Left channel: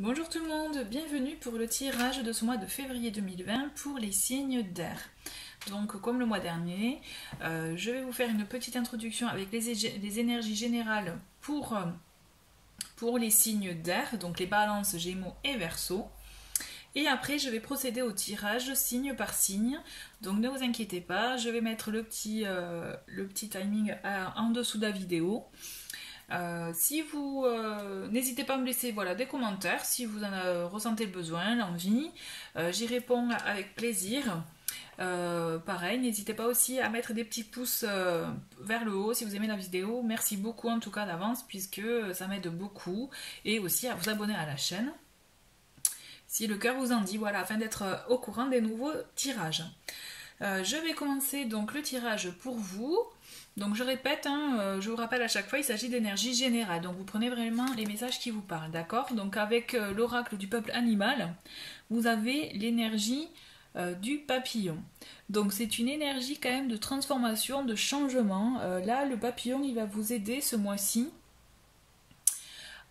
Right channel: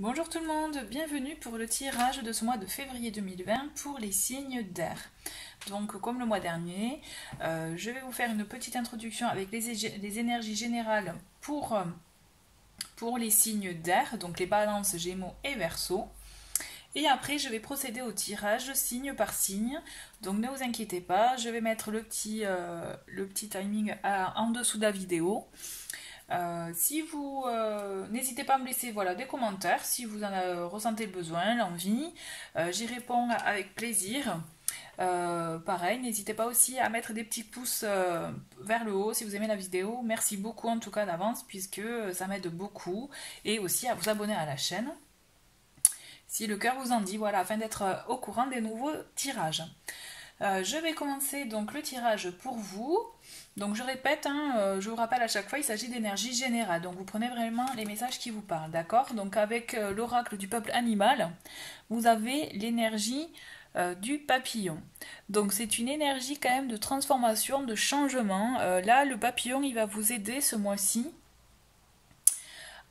Bonjour tout le monde, bienvenue pour le tirage de ce mois de février 2020 pour les signes d'air. Donc comme le mois dernier, je vais vous faire une petite introduction avec les énergies générales pour les signes d'air, donc les balances, gémeaux et verseaux. Et après je vais procéder au tirage signe par signe, donc ne vous inquiétez pas, je vais mettre le petit timing en dessous de la vidéo. Si vous n'hésitez pas à me laisser des commentaires si vous en ressentez le besoin, l'envie, j'y réponds avec plaisir. Pareil, n'hésitez pas aussi à mettre des petits pouces vers le haut si vous aimez la vidéo. Merci beaucoup en tout cas d'avance puisque ça m'aide beaucoup, et aussi à vous abonner à la chaîne si le cœur vous en dit, afin d'être au courant des nouveaux tirages. Je vais commencer donc le tirage pour vous. Donc je répète, je vous rappelle à chaque fois, il s'agit d'énergie générale. Donc vous prenez vraiment les messages qui vous parlent, d'accord? Donc avec l'oracle du peuple animal, vous avez l'énergie du papillon. Donc c'est une énergie quand même de transformation, de changement. Là, le papillon, il va vous aider ce mois-ci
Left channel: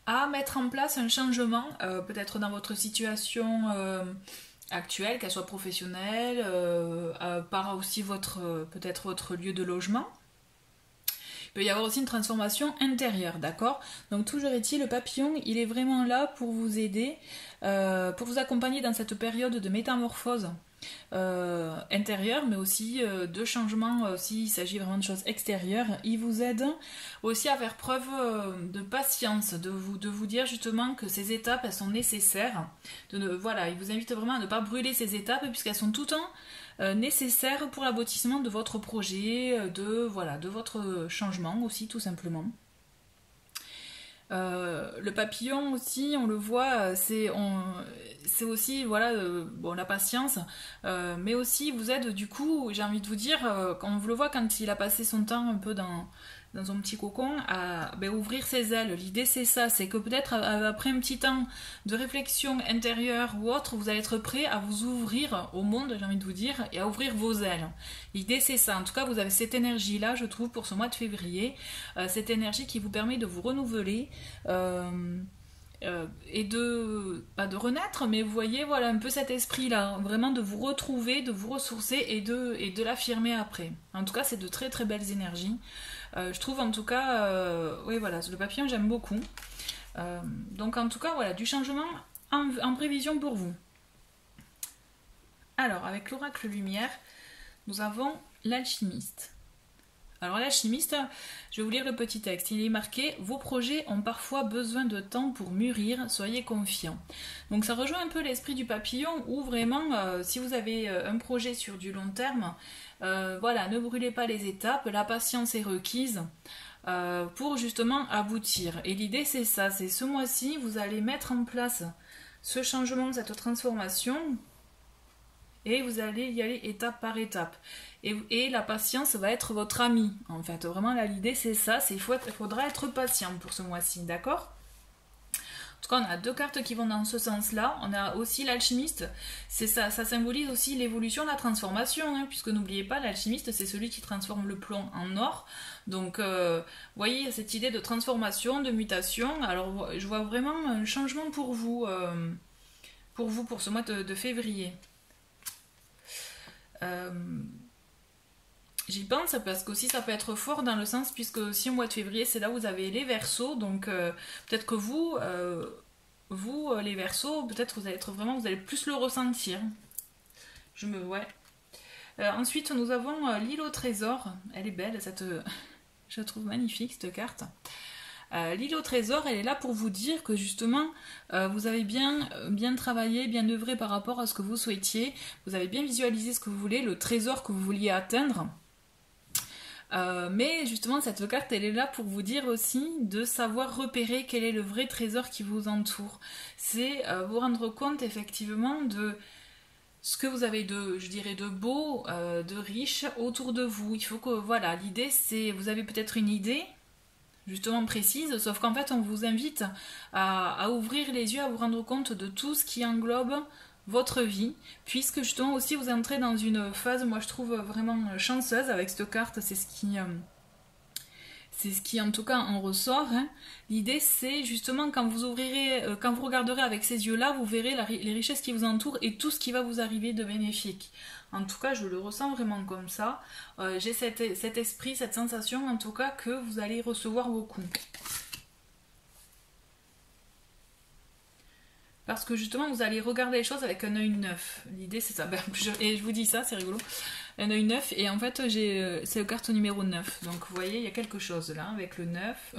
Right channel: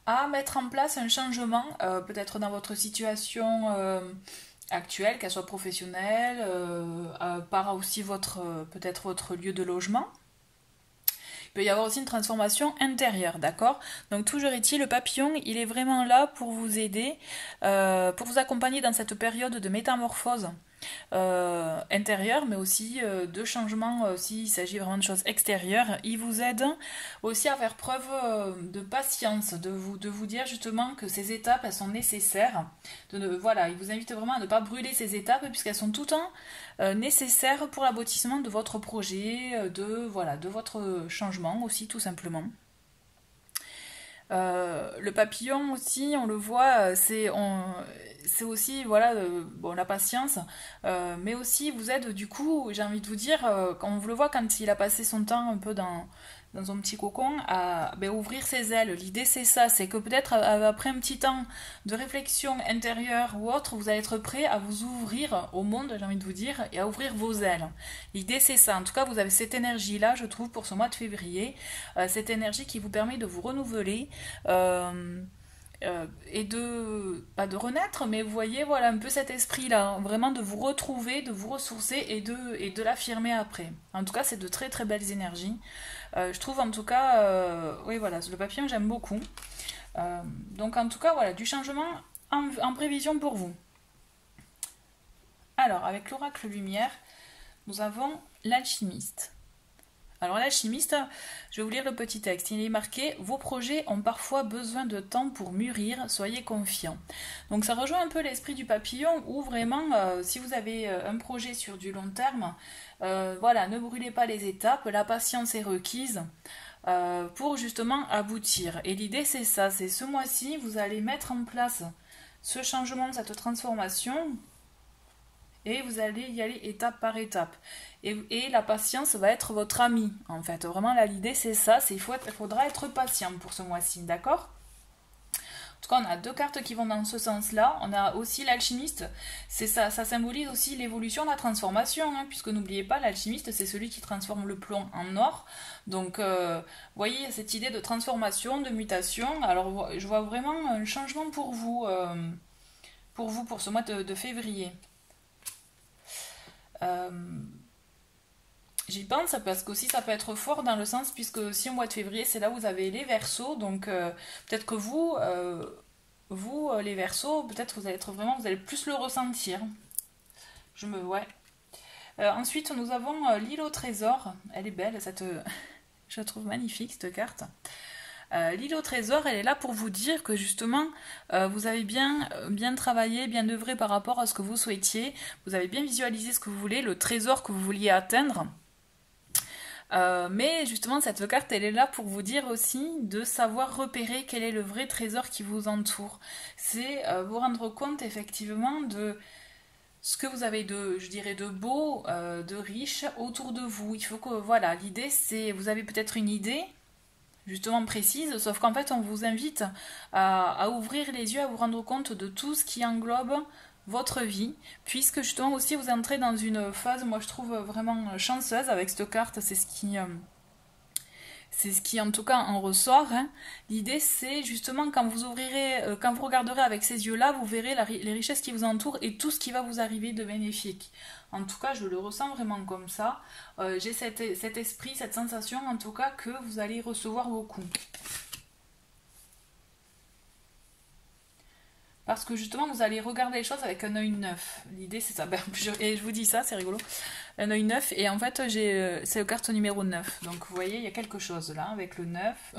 à mettre en place un changement, peut-être dans votre situation actuelle, qu'elle soit professionnelle, par aussi peut-être votre lieu de logement. Il peut y avoir aussi une transformation intérieure, d'accord? Donc toujours est-il, le papillon, il est vraiment là pour vous aider, pour vous accompagner dans cette période de métamorphose intérieure, mais aussi de changement, s'il s'agit vraiment de choses extérieures. Il vous aide aussi à faire preuve de patience, de vous dire justement que ces étapes, elles sont nécessaires. Il vous invite vraiment à ne pas brûler ces étapes, puisqu'elles sont tout le temps nécessaires pour l'aboutissement de votre projet, de votre changement aussi, tout simplement. Le papillon aussi, on le voit, c'est aussi la patience, mais aussi vous aide, du coup, j'ai envie de vous dire, quand on le voit quand il a passé son temps un peu dans un petit cocon, à ouvrir ses ailes. L'idée c'est ça, c'est que peut-être après un petit temps de réflexion intérieure ou autre, vous allez être prêt à vous ouvrir au monde, j'ai envie de vous dire, et à ouvrir vos ailes. L'idée c'est ça, en tout cas vous avez cette énergie là, je trouve, pour ce mois de février, cette énergie qui vous permet de vous renouveler, et pas de renaître, mais vous voyez, un peu cet esprit là, vraiment de vous retrouver, de vous ressourcer et de l'affirmer après. En tout cas c'est de très très belles énergies, je trouve, en tout cas. Le papillon, j'aime beaucoup, donc en tout cas du changement en prévision pour vous. Alors avec l'oracle lumière, nous avons l'alchimiste. Alors l'alchimiste, je vais vous lire le petit texte. Il est marqué « Vos projets ont parfois besoin de temps pour mûrir, soyez confiants ». Donc ça rejoint un peu l'esprit du papillon, où vraiment, si vous avez un projet sur du long terme, ne brûlez pas les étapes, la patience est requise pour justement aboutir. Et l'idée c'est ça, c'est ce mois-ci, vous allez mettre en place ce changement, cette transformation, et vous allez y aller étape par étape. Et la patience va être votre amie, en fait. Vraiment, là, l'idée, c'est ça. Il faudra être patient pour ce mois-ci, d'accord? En tout cas, on a deux cartes qui vont dans ce sens-là. On a aussi l'alchimiste. C'est ça symbolise aussi l'évolution, la transformation, puisque n'oubliez pas, l'alchimiste, c'est celui qui transforme le plomb en or. Donc, vous voyez, cette idée de transformation, de mutation. Alors, je vois vraiment un changement pour vous, pour ce mois de février. J'y pense parce qu'aussi ça peut être fort dans le sens, puisque si au mois de février c'est là où vous avez les Verseaux, donc peut-être que vous les Verseaux, peut-être vous allez plus le ressentir. Ensuite nous avons l'île au trésor. Elle est belle, je la trouve magnifique cette carte. L'île au trésor, elle est là pour vous dire que justement vous avez bien travaillé, bien œuvré par rapport à ce que vous souhaitiez, vous avez bien visualisé ce que vous voulez, le trésor que vous vouliez atteindre. Mais justement cette carte, elle est là pour vous dire aussi de savoir repérer quel est le vrai trésor qui vous entoure. C'est vous rendre compte effectivement de ce que vous avez de beau, de riche autour de vous. Il faut que, l'idée c'est, vous avez peut-être une idée justement précise, sauf qu'en fait on vous invite à ouvrir les yeux, à vous rendre compte de tout ce qui englobe votre vie, puisque justement aussi vous entrez dans une phase, moi je trouve vraiment chanceuse avec cette carte. C'est c'est ce qui en tout cas en ressort. Hein. L'idée c'est justement quand vous ouvrirez, quand vous regarderez avec ces yeux-là, vous verrez les richesses qui vous entourent et tout ce qui va vous arriver de bénéfique. En tout cas, je le ressens vraiment comme ça. J'ai cet esprit, cette sensation en tout cas que vous allez recevoir beaucoup. Parce que justement, vous allez regarder les choses avec un œil neuf. L'idée, c'est ça. Et je vous dis ça, c'est rigolo. Un œil neuf. Et en fait, c'est le carte numéro 9. Donc, vous voyez, il y a quelque chose là avec le 9.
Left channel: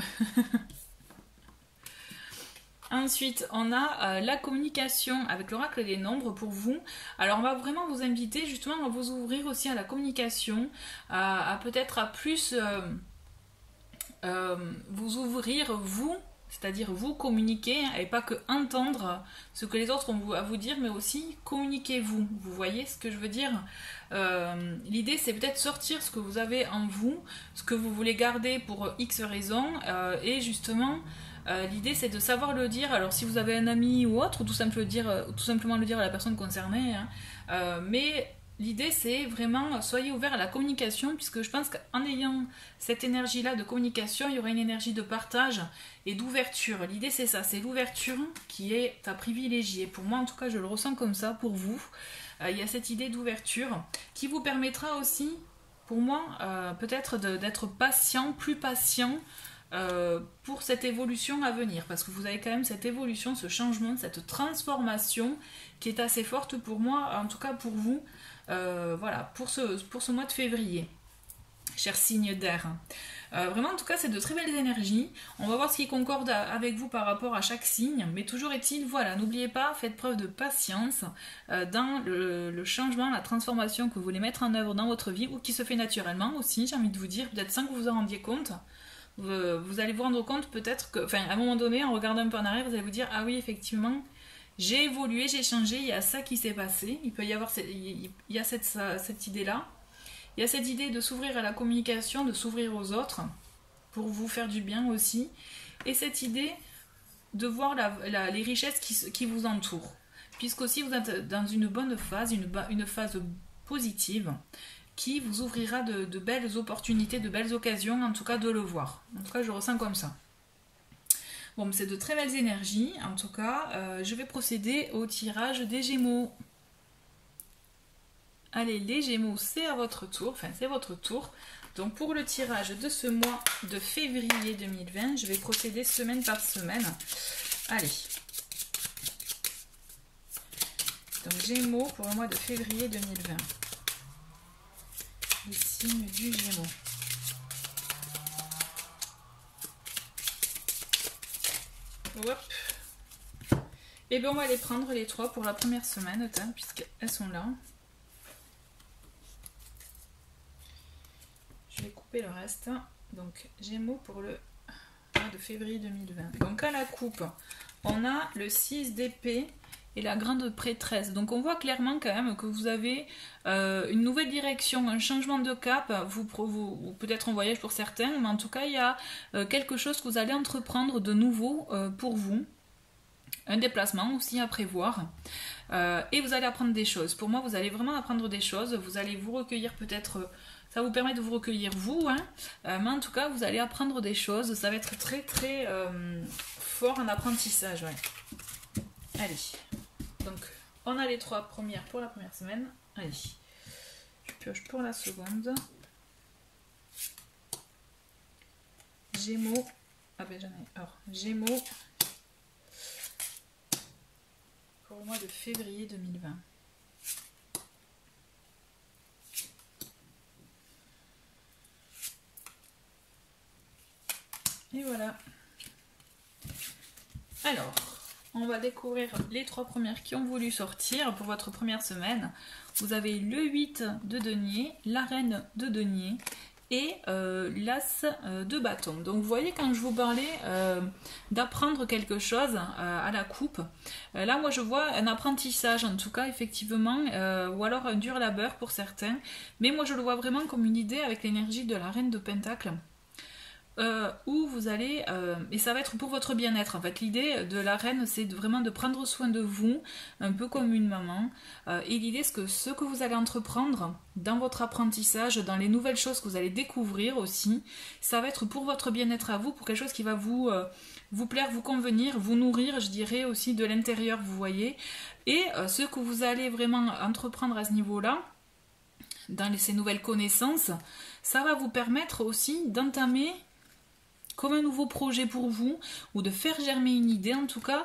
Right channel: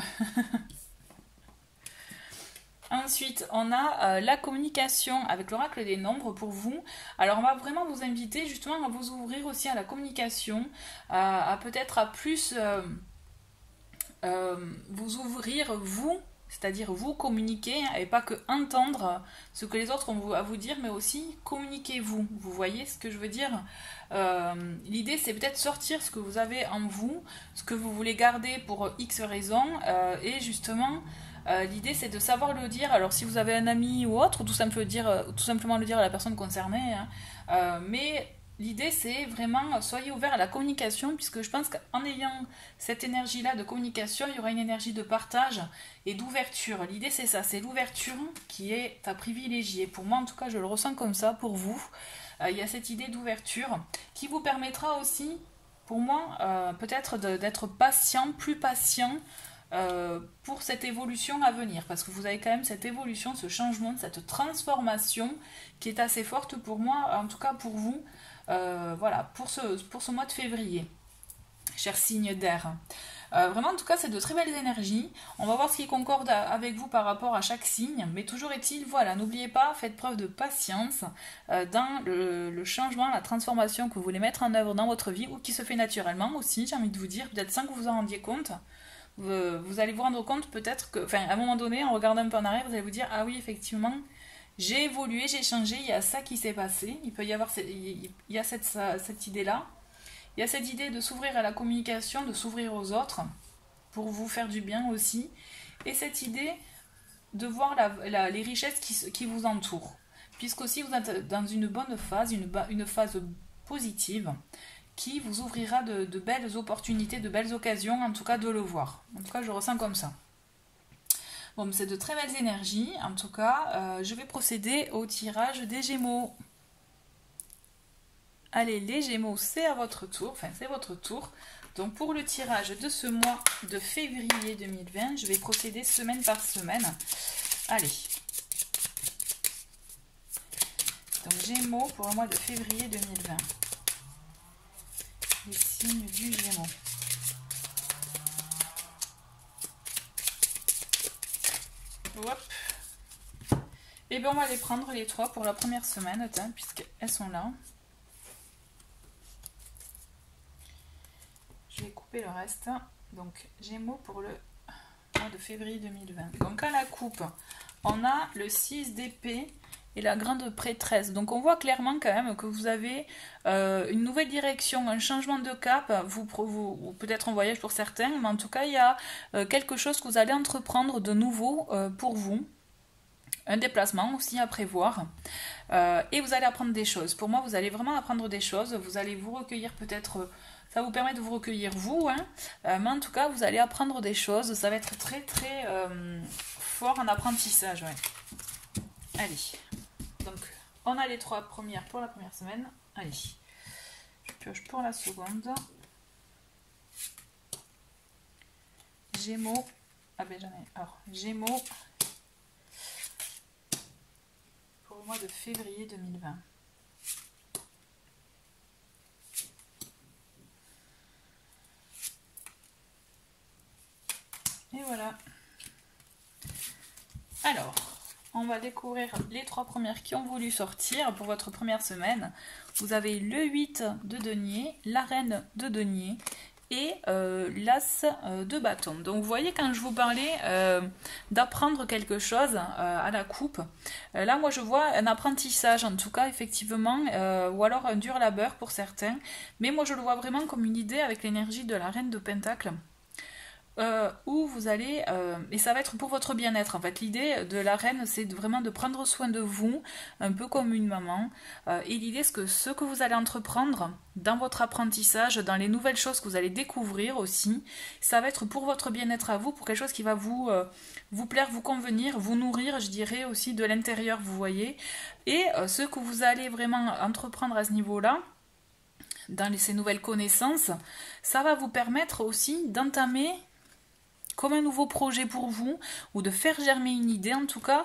Ensuite, on a la communication avec l'oracle des nombres pour vous. Alors, on va vraiment vous inviter justement à vous ouvrir aussi à la communication, à peut-être à plus vous ouvrir, vous, c'est-à-dire vous communiquer et pas que entendre ce que les autres ont à vous dire, mais aussi communiquer vous. Vous voyez ce que je veux dire? L'idée, c'est peut-être sortir ce que vous avez en vous, ce que vous voulez garder pour X raisons, et justement... l'idée c'est de savoir le dire, alors si vous avez un ami ou autre, ou tout simplement le dire à la personne concernée, hein. Mais l'idée c'est vraiment, soyez ouvert à la communication, puisque je pense qu'en ayant cette énergie-là de communication, il y aura une énergie de partage et d'ouverture. L'idée c'est ça, c'est l'ouverture qui est à privilégier. Pour moi en tout cas je le ressens comme ça, pour vous. Il y a cette idée d'ouverture qui vous permettra aussi, pour moi, peut-être d'être patient, plus patient, pour cette évolution à venir, parce que vous avez quand même cette évolution, ce changement, cette transformation qui est assez forte pour moi, en tout cas pour vous, voilà, pour ce mois de février, chers signes d'air. Vraiment, en tout cas, c'est de très belles énergies. On va voir ce qui concorde avec vous par rapport à chaque signe, mais toujours est-il, voilà, n'oubliez pas, faites preuve de patience dans le changement, la transformation que vous voulez mettre en œuvre dans votre vie, ou qui se fait naturellement aussi, j'ai envie de vous dire, peut-être sans que vous en rendiez compte. Vous allez vous rendre compte peut-être que, enfin, à un moment donné, en regardant un peu en arrière, vous allez vous dire, ah oui, effectivement, j'ai évolué, j'ai changé, il y a ça qui s'est passé. Il peut y avoir il y a cette idée-là. Il y a cette idée de s'ouvrir à la communication, de s'ouvrir aux autres, pour vous faire du bien aussi. Et cette idée de voir les richesses qui vous entourent. Puisqu'aussi vous êtes dans une bonne phase, une phase positive, qui vous ouvrira de belles opportunités, de belles occasions, en tout cas de le voir. En tout cas, je ressens comme ça. Bon, c'est de très belles énergies. En tout cas, je vais procéder au tirage des Gémeaux. Allez, les Gémeaux, c'est à votre tour. Enfin, c'est votre tour. Donc, pour le tirage de ce mois de février 2020, je vais procéder semaine par semaine. Allez. Donc, Gémeaux pour le mois de février 2020. Le signe du Gémeaux. Hop. Et bien on va les prendre les trois pour la première semaine, puisqu'elles sont là. Je vais couper le reste. Donc Gémeaux pour le mois de février 2020. Donc à la coupe, on a le 6 d'épée et la grande prêtresse. Donc on voit clairement quand même que vous avez une nouvelle direction, un changement de cap, vous peut-être un voyage pour certains, mais en tout cas il y a quelque chose que vous allez entreprendre de nouveau pour vous, un déplacement aussi à prévoir, et vous allez apprendre des choses. Pour moi vous allez vraiment apprendre des choses, vous allez vous recueillir peut-être, ça vous permet de vous recueillir vous, hein, mais en tout cas vous allez apprendre des choses, ça va être très très fort en apprentissage. Ouais. Allez. Donc, on a les trois premières pour la première semaine. Allez, je pioche pour la seconde. Gémeaux. Ah ben j'en ai. Alors, Gémeaux pour le mois de février 2020. Et voilà. Alors, on va découvrir les trois premières qui ont voulu sortir pour votre première semaine. Vous avez le 8 de denier, la reine de denier et l'as de bâton. Donc vous voyez, quand je vous parlais d'apprendre quelque chose à la coupe, là moi je vois un apprentissage en tout cas effectivement, ou alors un dur labeur pour certains, mais moi je le vois vraiment comme une idée avec l'énergie de la reine de Pentacle. où vous allez, et ça va être pour votre bien-être en fait. L'idée de la reine, c'est vraiment de prendre soin de vous, un peu comme une maman. Et l'idée, c'est que ce que vous allez entreprendre dans votre apprentissage, dans les nouvelles choses que vous allez découvrir aussi, ça va être pour votre bien-être à vous, pour quelque chose qui va vous plaire, vous convenir, vous nourrir, je dirais aussi de l'intérieur, vous voyez. Et ce que vous allez vraiment entreprendre à ce niveau-là, dans ces nouvelles connaissances, ça va vous permettre aussi d'entamer comme un nouveau projet pour vous, ou de faire germer une idée en tout cas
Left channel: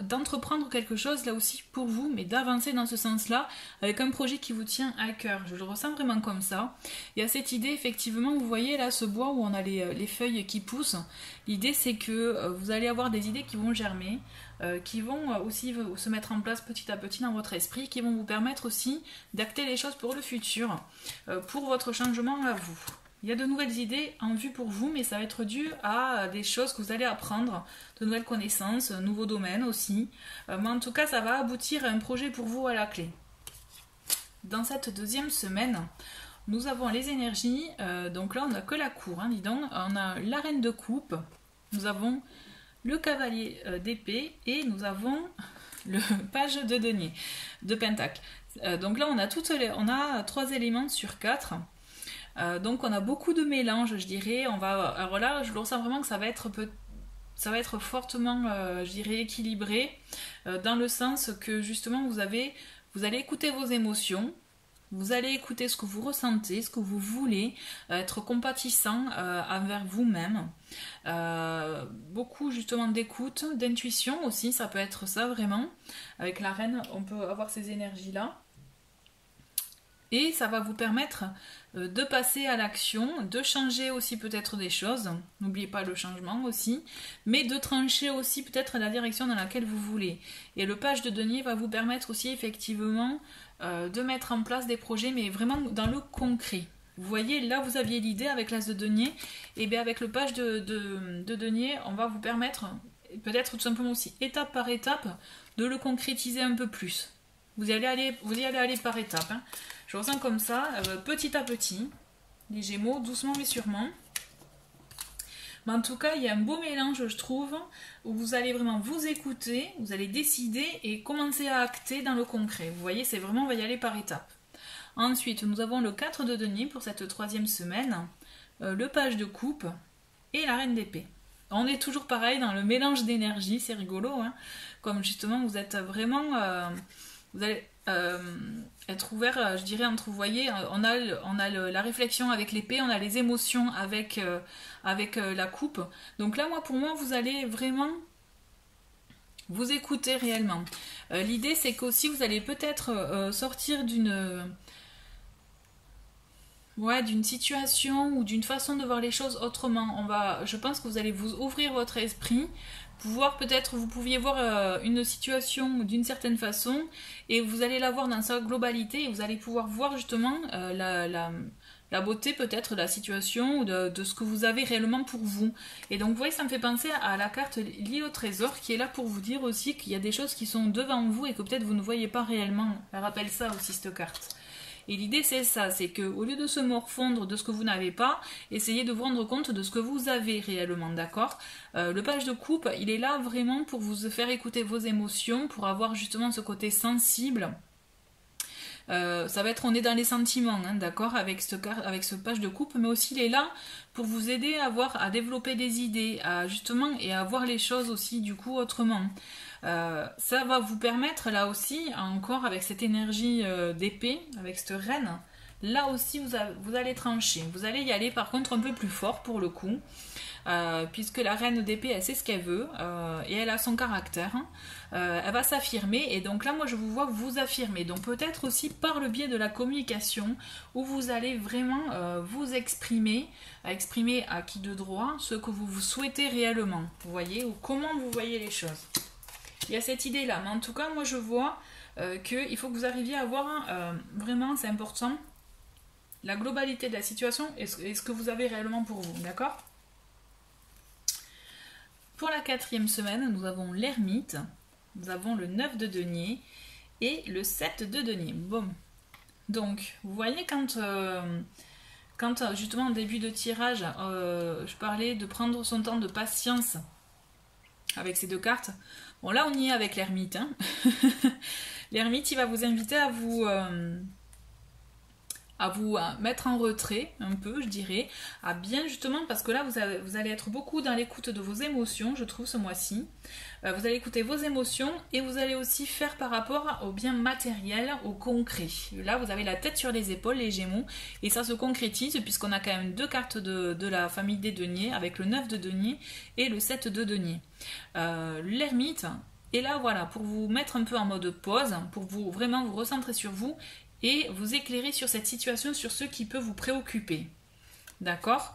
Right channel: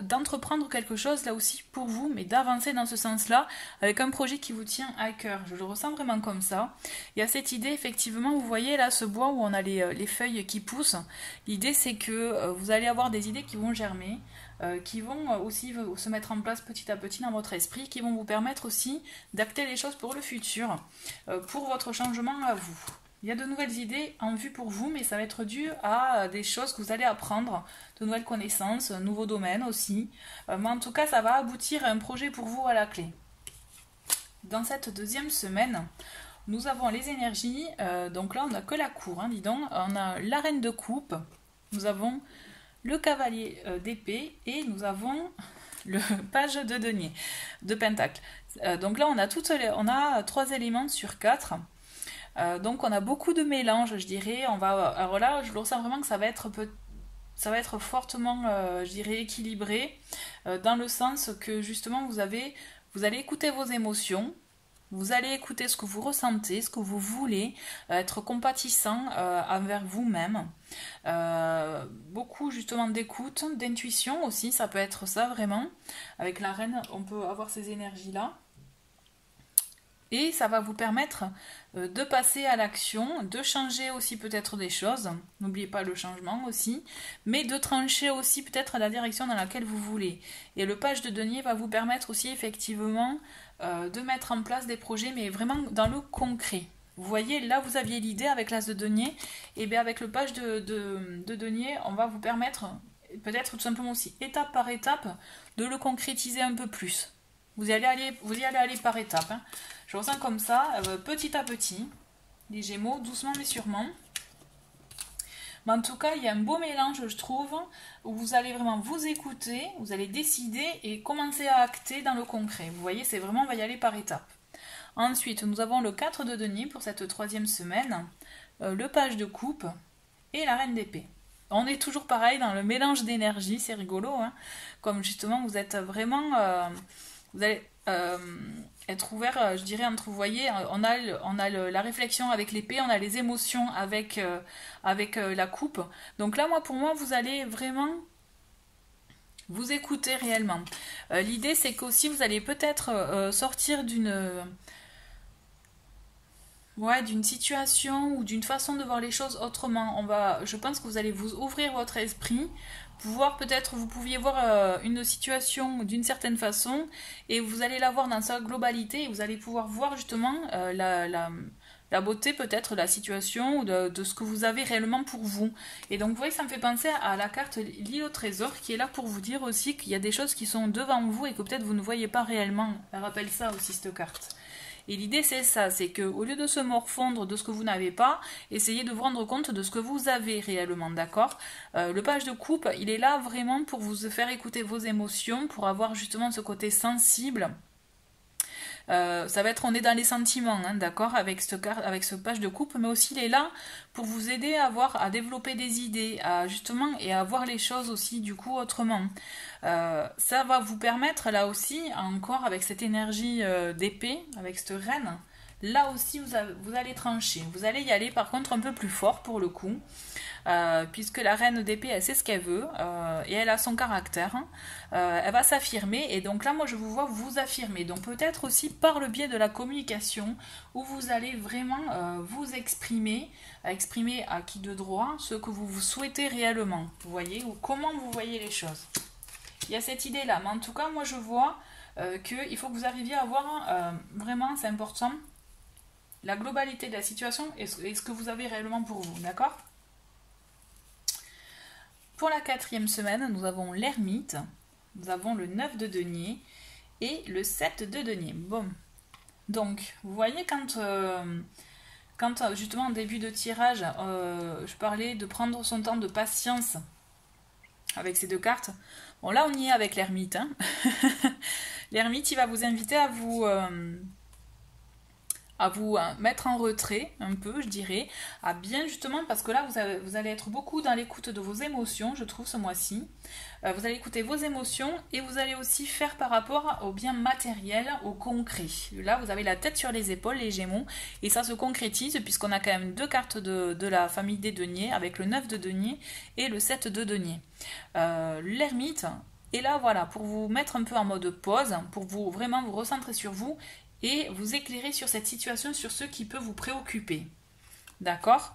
d'entreprendre quelque chose là aussi pour vous, mais d'avancer dans ce sens-là, avec un projet qui vous tient à cœur. Je le ressens vraiment comme ça. Il y a cette idée, effectivement, vous voyez là ce bois où on a les feuilles qui poussent. L'idée c'est que vous allez avoir des idées qui vont germer, qui vont aussi se mettre en place petit à petit dans votre esprit, qui vont vous permettre aussi d'acter les choses pour le futur, pour votre changement à vous. Il y a de nouvelles idées en vue pour vous, mais ça va être dû à des choses que vous allez apprendre, de nouvelles connaissances, nouveaux domaines aussi. Mais en tout cas, ça va aboutir à un projet pour vous à la clé. Dans cette deuxième semaine, nous avons les énergies. Donc là, on n'a que la cour, dis donc. On a la reine de coupe, nous avons le cavalier d'épée et nous avons le page de denier, de pentacle. Donc là, on a 3 éléments sur 4. Donc on a beaucoup de mélange, je dirais. Alors là, je ressens vraiment que ça va être fortement, je dirais, équilibré, dans le sens que justement vous allez écouter vos émotions, vous allez écouter ce que vous ressentez, ce que vous voulez, être compatissant envers vous-même. Beaucoup justement d'écoute, d'intuition aussi, ça peut être ça vraiment. Avec la reine, on peut avoir ces énergies-là. Et ça va vous permettre de passer à l'action, de changer aussi peut-être des choses, n'oubliez pas le changement aussi, mais de trancher aussi peut-être la direction dans laquelle vous voulez. Et le page de denier va vous permettre aussi effectivement de mettre en place des projets, mais vraiment dans le concret. Vous voyez, là vous aviez l'idée avec l'as de denier, et bien avec le page de denier, on va vous permettre peut-être tout simplement aussi étape par étape de le concrétiser un peu plus. Vous y allez aller par étapes. Je ressens comme ça, petit à petit, les Gémeaux, doucement mais sûrement. Mais en tout cas, il y a un beau mélange, je trouve, où vous allez vraiment vous écouter, vous allez décider et commencer à acter dans le concret. Vous voyez, c'est vraiment, on va y aller par étapes. Ensuite, nous avons le 4 de denier pour cette 3e semaine, le page de coupe et la reine d'épée. On est toujours pareil dans le mélange d'énergie, c'est rigolo, comme justement vous êtes vraiment... vous allez être ouvert, je dirais, entre, vous voyez, on a la réflexion avec l'épée, on a les émotions avec la coupe. Donc là, pour moi, vous allez vraiment vous écouter réellement. L'idée, c'est qu'aussi, vous allez peut-être sortir d'une situation ou d'une façon de voir les choses autrement. Je pense que vous allez vous ouvrir votre esprit, vous pouviez voir une situation d'une certaine façon et vous allez la voir dans sa globalité et vous allez pouvoir voir justement la beauté peut-être de la situation ou de ce que vous avez réellement pour vous. Et donc vous voyez, ça me fait penser à la carte l'île au trésor qui est là pour vous dire aussi qu'il y a des choses qui sont devant vous et que peut-être vous ne voyez pas réellement. Elle rappelle ça aussi, cette carte. Et l'idée c'est ça, c'est qu'au lieu de se morfondre de ce que vous n'avez pas, essayez de vous rendre compte de ce que vous avez réellement, d'accord ? Le page de coupe, il est là vraiment pour vous faire écouter vos émotions, pour avoir justement ce côté sensible. Ça va être, on est dans les sentiments, d'accord, avec ce page de coupe, mais aussi il est là pour vous aider à développer des idées, et à voir les choses aussi du coup autrement. Ça va vous permettre là aussi, encore avec cette énergie d'épée, avec cette reine, là aussi vous allez trancher. Vous allez y aller par contre un peu plus fort pour le coup, puisque la reine d'épée, elle sait ce qu'elle veut, et elle a son caractère. Elle va s'affirmer, et donc là moi je vous vois vous affirmer, donc peut-être aussi par le biais de la communication, où vous allez vraiment vous exprimer à qui de droit ce que vous souhaitez réellement, vous voyez, ou comment vous voyez les choses. Il y a cette idée là, mais en tout cas moi je vois qu'il faut que vous arriviez à voir vraiment, c'est important, la globalité de la situation et ce que vous avez réellement pour vous, d'accord ? Pour la 4e semaine, nous avons l'ermite, nous avons le 9 de denier et le 7 de denier. Bon. Donc, vous voyez, quand justement en début de tirage, je parlais de prendre son temps de patience avec ces deux cartes. Bon, là, on y est avec l'ermite. Hein. L'ermite, il va vous inviter à vous mettre en retrait, un peu, je dirais. À bien, justement, parce que là, vous allez être beaucoup dans l'écoute de vos émotions, je trouve, ce mois-ci. Vous allez écouter vos émotions et vous allez aussi faire par rapport au bien matériel, au concret. Là, vous avez la tête sur les épaules, les Gémeaux, et ça se concrétise puisqu'on a quand même deux cartes de la famille des deniers, avec le 9 de denier et le 7 de denier. L'ermite est là, voilà, pour vous mettre un peu en mode pause, pour vous vraiment vous recentrer sur vous et vous éclairer sur cette situation, sur ce qui peut vous préoccuper. D'accord ?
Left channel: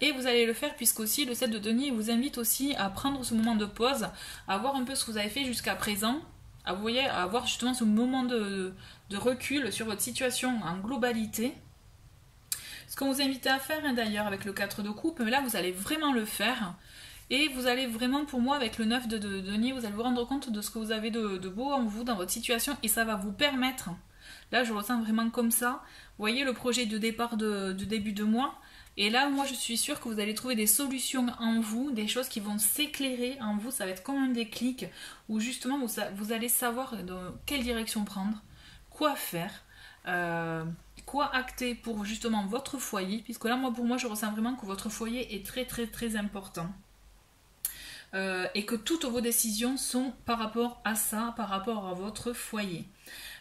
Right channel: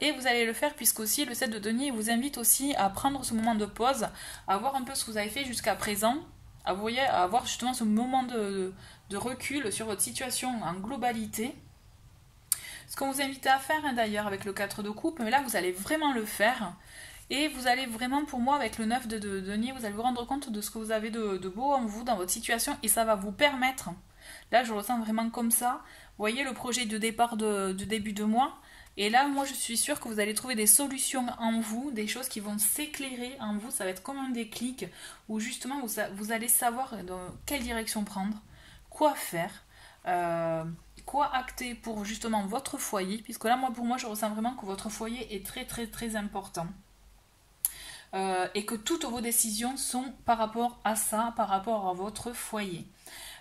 Et vous allez le faire puisqu'aussi le 7 de denier vous invite aussi à prendre ce moment de pause, à voir un peu ce que vous avez fait jusqu'à présent, à avoir justement ce moment de recul sur votre situation en globalité. Ce qu'on vous invite à faire hein, d'ailleurs avec le 4 de coupe, mais là vous allez vraiment le faire. Et vous allez vraiment, pour moi, avec le 9 de denier, vous allez vous rendre compte de ce que vous avez de beau en vous, dans votre situation, et ça va vous permettre, là je ressens vraiment comme ça, vous voyez le projet de départ du début de mois. Et là, moi, je suis sûre que vous allez trouver des solutions en vous, des choses qui vont s'éclairer en vous. Ça va être comme un déclic où justement, vous allez savoir dans quelle direction prendre, quoi faire, quoi acter pour justement votre foyer. Puisque là, pour moi, je ressens vraiment que votre foyer est très, très, très important. Et que toutes vos décisions sont par rapport à ça, par rapport à votre foyer.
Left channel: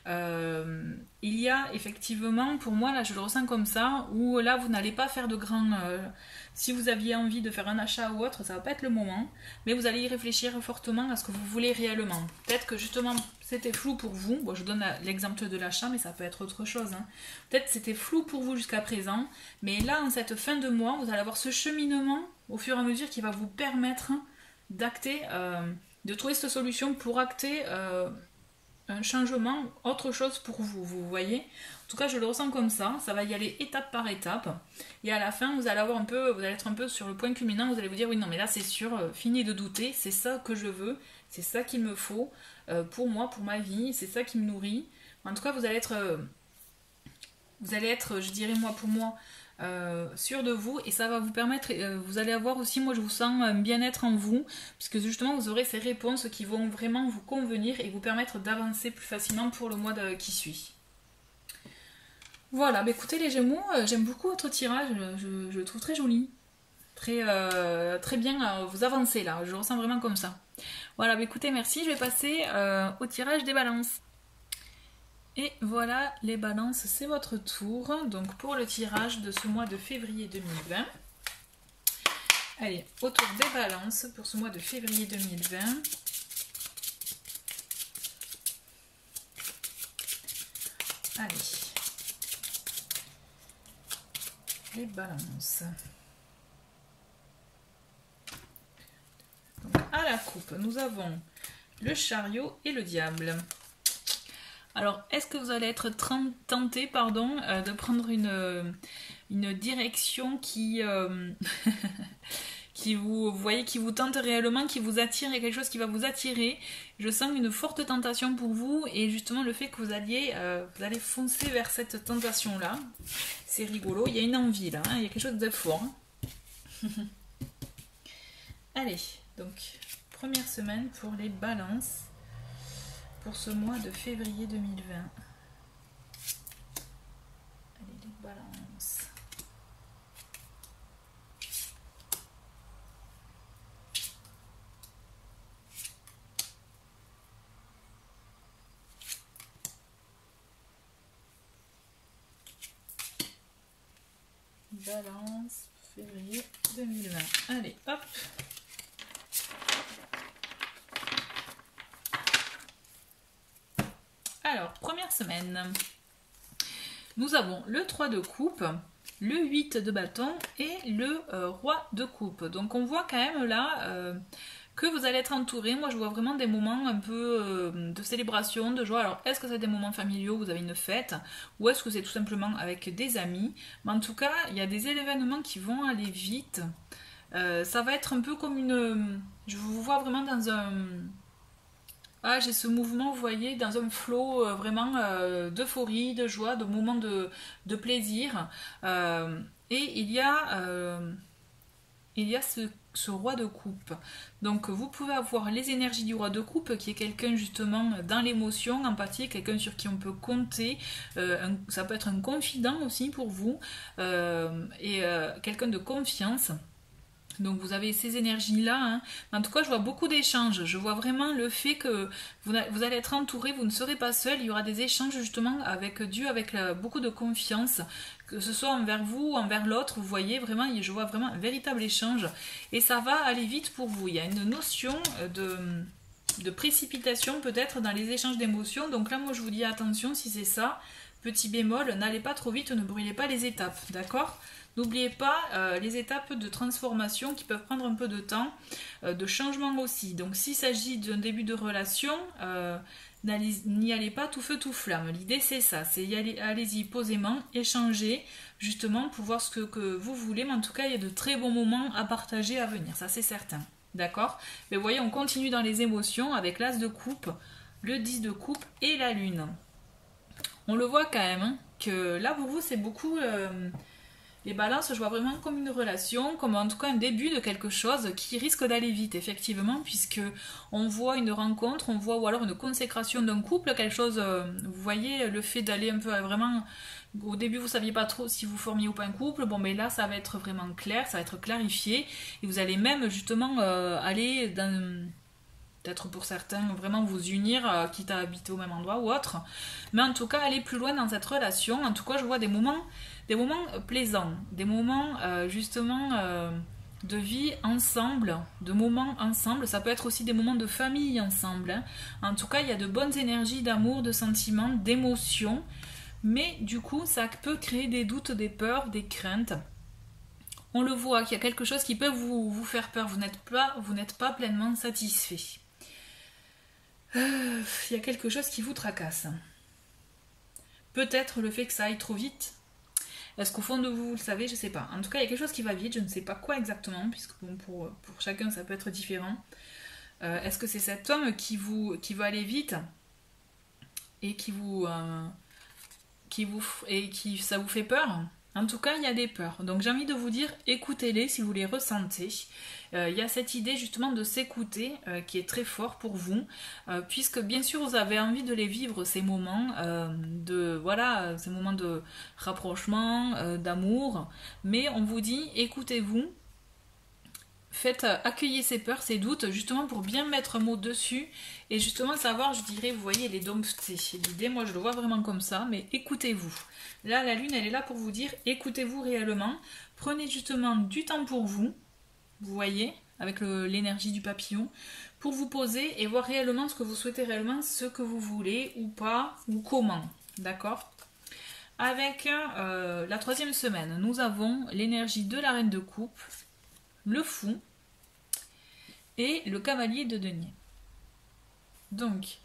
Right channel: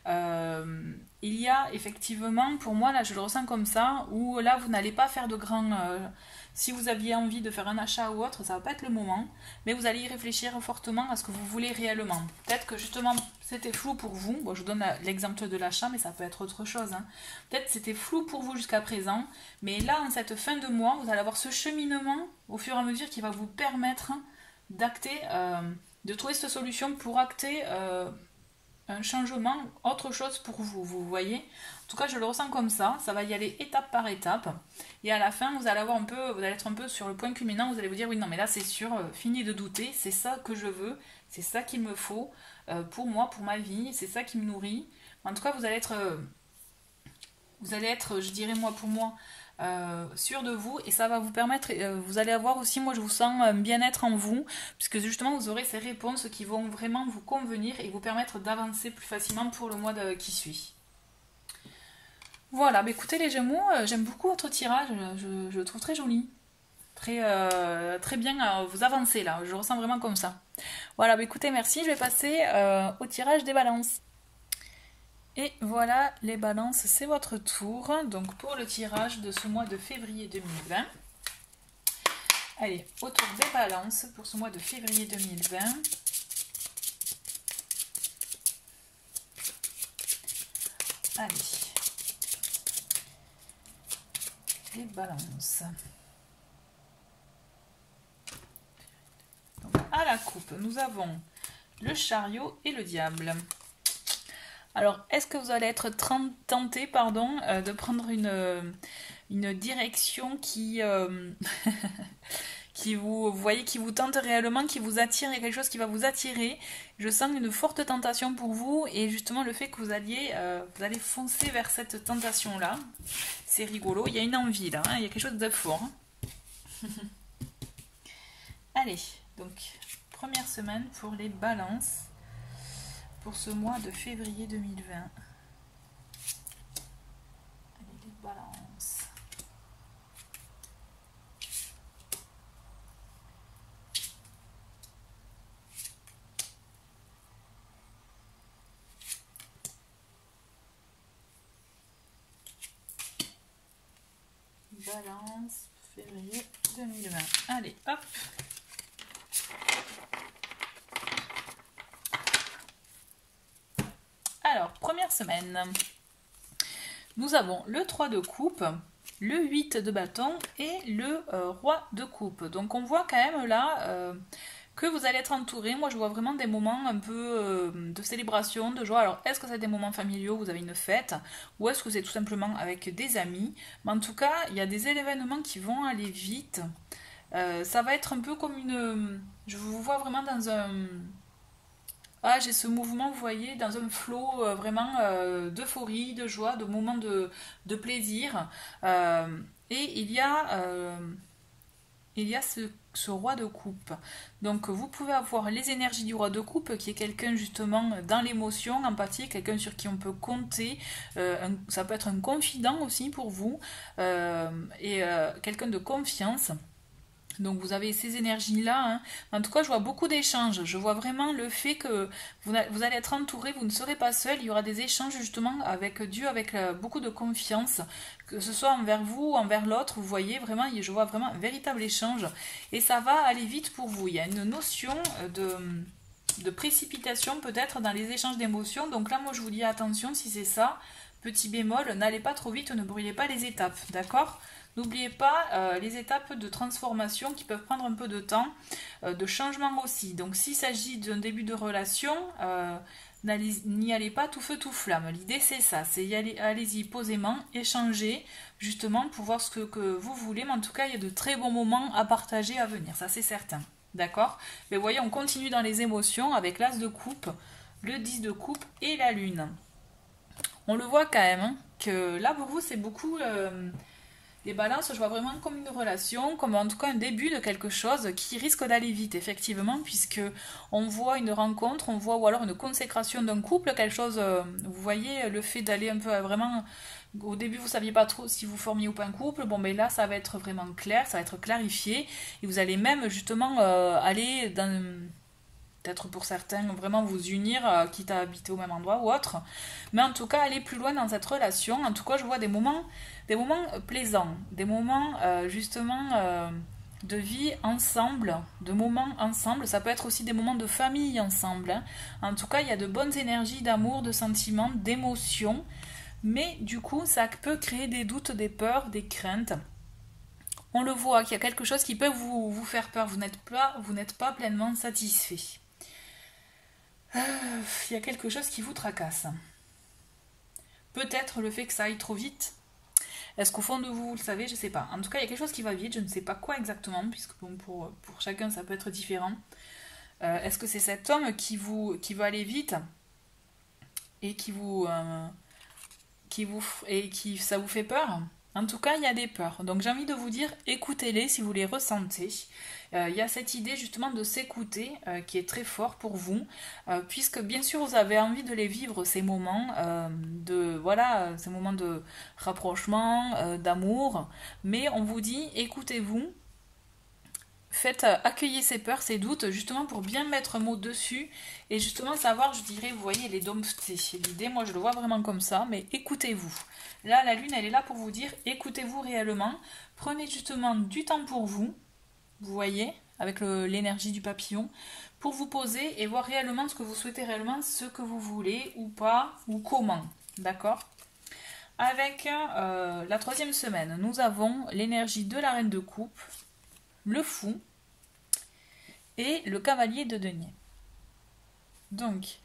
Il y a effectivement, pour moi, là je le ressens comme ça, où là vous n'allez pas faire de grands... si vous aviez envie de faire un achat ou autre, ça va pas être le moment, mais vous allez y réfléchir fortement à ce que vous voulez réellement. Peut-être que justement c'était flou pour vous, bon je donne l'exemple de l'achat, mais ça peut être autre chose. Hein. Peut-être c'était flou pour vous jusqu'à présent, mais là en cette fin de mois, vous allez avoir ce cheminement au fur et à mesure qui va vous permettre d'acter, de trouver cette solution pour acter... un changement, autre chose pour vous, vous voyez. En tout cas, je le ressens comme ça va y aller étape par étape. Et à la fin, vous allez être un peu sur le point culminant, vous allez vous dire, oui, non, mais là, c'est sûr, fini de douter, c'est ça que je veux, c'est ça qu'il me faut pour moi, pour ma vie, c'est ça qui me nourrit. En tout cas, vous allez être, je dirais, moi, pour moi, sûr de vous, et ça va vous permettre, vous allez avoir aussi, moi je vous sens un bien-être en vous, puisque justement vous aurez ces réponses qui vont vraiment vous convenir et vous permettre d'avancer plus facilement pour le mois qui suit. Voilà, bah écoutez les Gémeaux, j'aime beaucoup votre tirage, je le trouve très joli, très bien, vous avancez là, je le ressens vraiment comme ça. Voilà, bah écoutez, merci, je vais passer au tirage des balances. Et voilà les balances, c'est votre tour. Donc pour le tirage de ce mois de février 2020. Allez, au tour des balances pour ce mois de février 2020. Allez. Les balances. Donc, à la coupe, nous avons le chariot et le diable. Alors, est-ce que vous allez être tenté, de prendre une direction qui qui vous tente réellement, qui vous attire, il y a quelque chose qui va vous attirer. Je sens une forte tentation pour vous et justement le fait que vous allez foncer vers cette tentation-là. C'est rigolo, il y a une envie là, hein, il y a quelque chose de fort. Hein. Allez, donc, première semaine pour les balances. Pour ce mois de février 2020. Allez, les balances. Balance, février 2020. Allez, hop. Alors, première semaine, nous avons le 3 de coupe, le 8 de bâton et le roi de coupe. Donc on voit quand même là que vous allez être entouré. Moi je vois vraiment des moments un peu de célébration, de joie. Alors est-ce que c'est des moments familiaux, vous avez une fête, ou est-ce que c'est tout simplement avec des amis? Mais en tout cas, il y a des événements qui vont aller vite. Ça va être un peu comme une... Je vous vois vraiment dans Ah, j'ai ce mouvement, vous voyez, dans un flot vraiment d'euphorie, de joie, de moments de plaisir. Et il y a ce roi de coupe. Donc vous pouvez avoir les énergies du roi de coupe, qui est quelqu'un justement dans l'émotion, empathique, quelqu'un sur qui on peut compter. Ça peut être un confident aussi pour vous, quelqu'un de confiance. Donc vous avez ces énergies-là, hein. En tout cas, je vois beaucoup d'échanges. Je vois vraiment le fait que vous allez être entouré, vous ne serez pas seul. Il y aura des échanges justement avec Dieu, avec beaucoup de confiance, que ce soit envers vous ou envers l'autre. Vous voyez vraiment, je vois vraiment un véritable échange. Et ça va aller vite pour vous. Il y a une notion de précipitation peut-être dans les échanges d'émotions. Donc là, moi, je vous dis attention, si c'est ça, petit bémol, n'allez pas trop vite, ne brûlez pas les étapes, d'accord ? N'oubliez pas les étapes de transformation qui peuvent prendre un peu de temps, de changement aussi. Donc s'il s'agit d'un début de relation, n'y allez pas tout feu tout flamme. L'idée c'est ça, c'est allez-y posément, échanger justement pour voir ce que vous voulez. Mais en tout cas, il y a de très bons moments à partager à venir, ça c'est certain. D'accord? Mais voyez, on continue dans les émotions avec l'as de coupe, le 10 de coupe et la lune. On le voit quand même, hein, que là pour vous c'est beaucoup... Les balances, je vois vraiment comme une relation, comme en tout cas un début de quelque chose qui risque d'aller vite, effectivement, puisque on voit une rencontre, on voit ou alors une consécration d'un couple, quelque chose, vous voyez, le fait d'aller un peu vraiment... Au début, vous ne saviez pas trop si vous formiez ou pas un couple, bon, mais là, ça va être vraiment clair, ça va être clarifié, et vous allez même, justement, aller dans... Peut-être pour certains, vraiment vous unir, quitte à habiter au même endroit ou autre. Mais en tout cas, aller plus loin dans cette relation. En tout cas, je vois des moments plaisants, des moments justement de vie ensemble, de moments ensemble. Ça peut être aussi des moments de famille ensemble, hein. En tout cas, il y a de bonnes énergies d'amour, de sentiments, d'émotions. Mais du coup, ça peut créer des doutes, des peurs, des craintes. On le voit qu'il y a quelque chose qui peut vous faire peur. Vous n'êtes pas pleinement satisfait. Il y a quelque chose qui vous tracasse. Peut-être le fait que ça aille trop vite. Est-ce qu'au fond de vous, vous le savez? Je ne sais pas. En tout cas, il y a quelque chose qui va vite. Je ne sais pas quoi exactement, puisque bon, pour chacun, ça peut être différent. Est-ce que c'est cet homme qui va aller vite et ça vous fait peur? En tout cas, il y a des peurs. Donc j'ai envie de vous dire, écoutez-les si vous les ressentez. Il y a cette idée justement de s'écouter qui est très fort pour vous, puisque bien sûr vous avez envie de les vivre, ces moments ces moments de rapprochement, d'amour, mais on vous dit, écoutez-vous, accueillez ces peurs, ces doutes, justement pour bien mettre un mot dessus, et justement savoir, je dirais, vous voyez, les dompter. L'idée, moi je le vois vraiment comme ça, mais écoutez-vous. Là, la lune, elle est là pour vous dire, écoutez-vous réellement, prenez justement du temps pour vous, vous voyez, avec l'énergie du papillon, pour vous poser et voir réellement ce que vous souhaitez réellement, ce que vous voulez ou pas, ou comment, d'accord? Avec la troisième semaine, nous avons l'énergie de la reine de coupe, le fou et le cavalier de denier. Donc,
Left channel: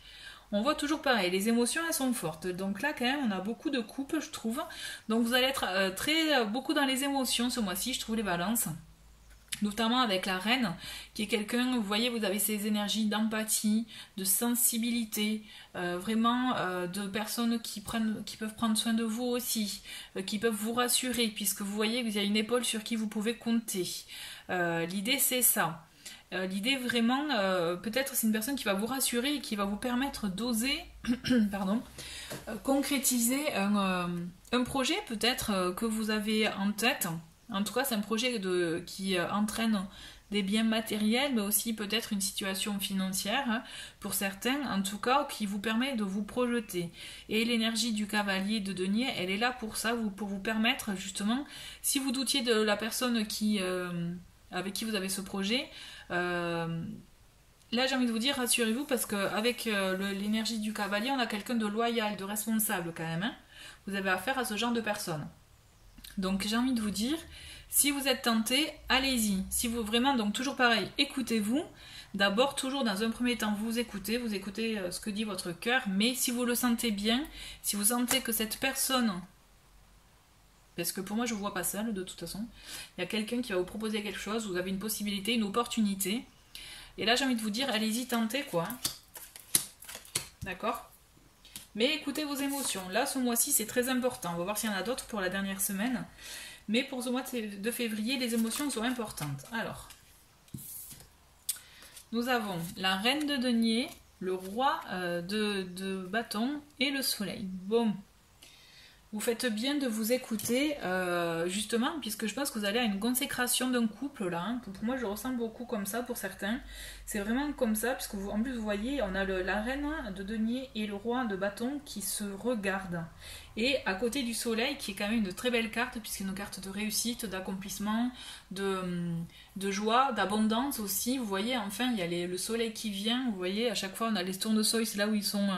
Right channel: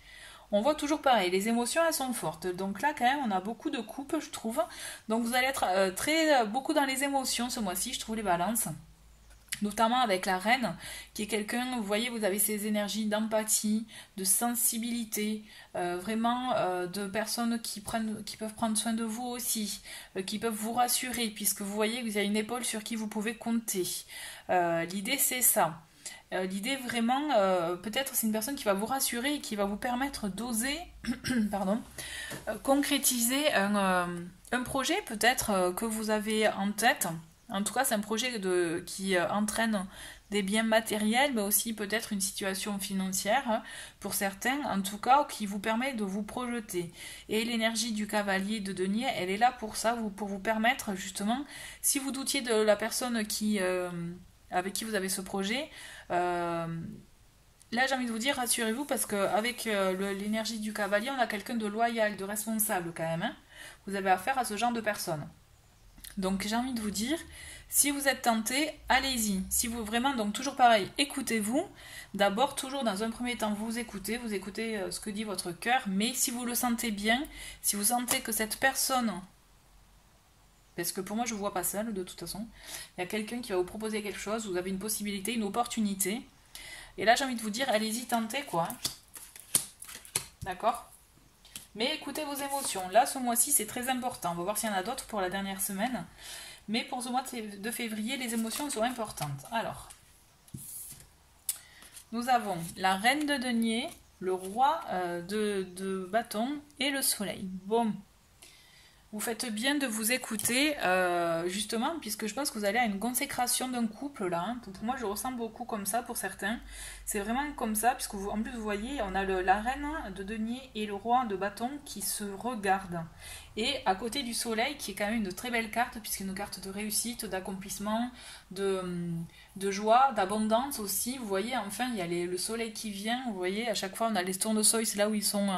on voit toujours pareil, les émotions elles sont fortes. Donc là quand même on a beaucoup de coupes je trouve. Donc vous allez être beaucoup dans les émotions ce mois-ci, je trouve, les balances. Notamment avec la reine, qui est quelqu'un, vous voyez, vous avez ces énergies d'empathie, de sensibilité, vraiment de personnes qui peuvent prendre soin de vous aussi, qui peuvent vous rassurer, puisque vous voyez que vous avez une épaule sur qui vous pouvez compter. L'idée c'est ça. L'idée vraiment, peut-être c'est une personne qui va vous rassurer et qui va vous permettre d'oser concrétiser un projet peut-être que vous avez en tête. En tout cas, c'est un projet qui entraîne des biens matériels, mais aussi peut-être une situation financière, hein, pour certains, en tout cas, qui vous permet de vous projeter. Et l'énergie du cavalier de denier, elle est là pour ça, pour vous permettre, justement, si vous doutiez de la personne avec qui vous avez ce projet, là j'ai envie de vous dire, rassurez-vous, parce qu'avec l'énergie du cavalier, on a quelqu'un de loyal, de responsable quand même, hein. Vous avez affaire à ce genre de personne. Donc j'ai envie de vous dire, si vous êtes tenté, allez-y. Si vous vraiment, donc toujours pareil, écoutez-vous. D'abord, toujours dans un premier temps, vous écoutez ce que dit votre cœur, mais si vous le sentez bien, si vous sentez que cette personne, parce que pour moi je ne vois pas seule de toute façon, il y a quelqu'un qui va vous proposer quelque chose, vous avez une possibilité, une opportunité, et là j'ai envie de vous dire, allez-y, tentez quoi. D'accord? Mais écoutez vos émotions. Là, ce mois-ci, c'est très important. On va voir s'il y en a d'autres pour la dernière semaine. Mais pour ce mois de février, les émotions sont importantes. Alors, nous avons la reine de denier, le roi de bâton et le soleil. Bon. Vous faites bien de vous écouter, justement, puisque je pense que vous allez à une consécration d'un couple, là. Hein. Pour moi, je ressens beaucoup comme ça, pour certains. C'est vraiment comme ça, puisque en plus, vous voyez, on a la reine de denier et le roi de bâton qui se regardent. Et à côté du soleil, qui est quand même une très belle carte, puisque c'est une carte de réussite, d'accomplissement, de joie, d'abondance aussi. Vous voyez, enfin, il y a le soleil qui vient. Vous voyez, à chaque fois, on a les tournesols, c'est là où ils sont...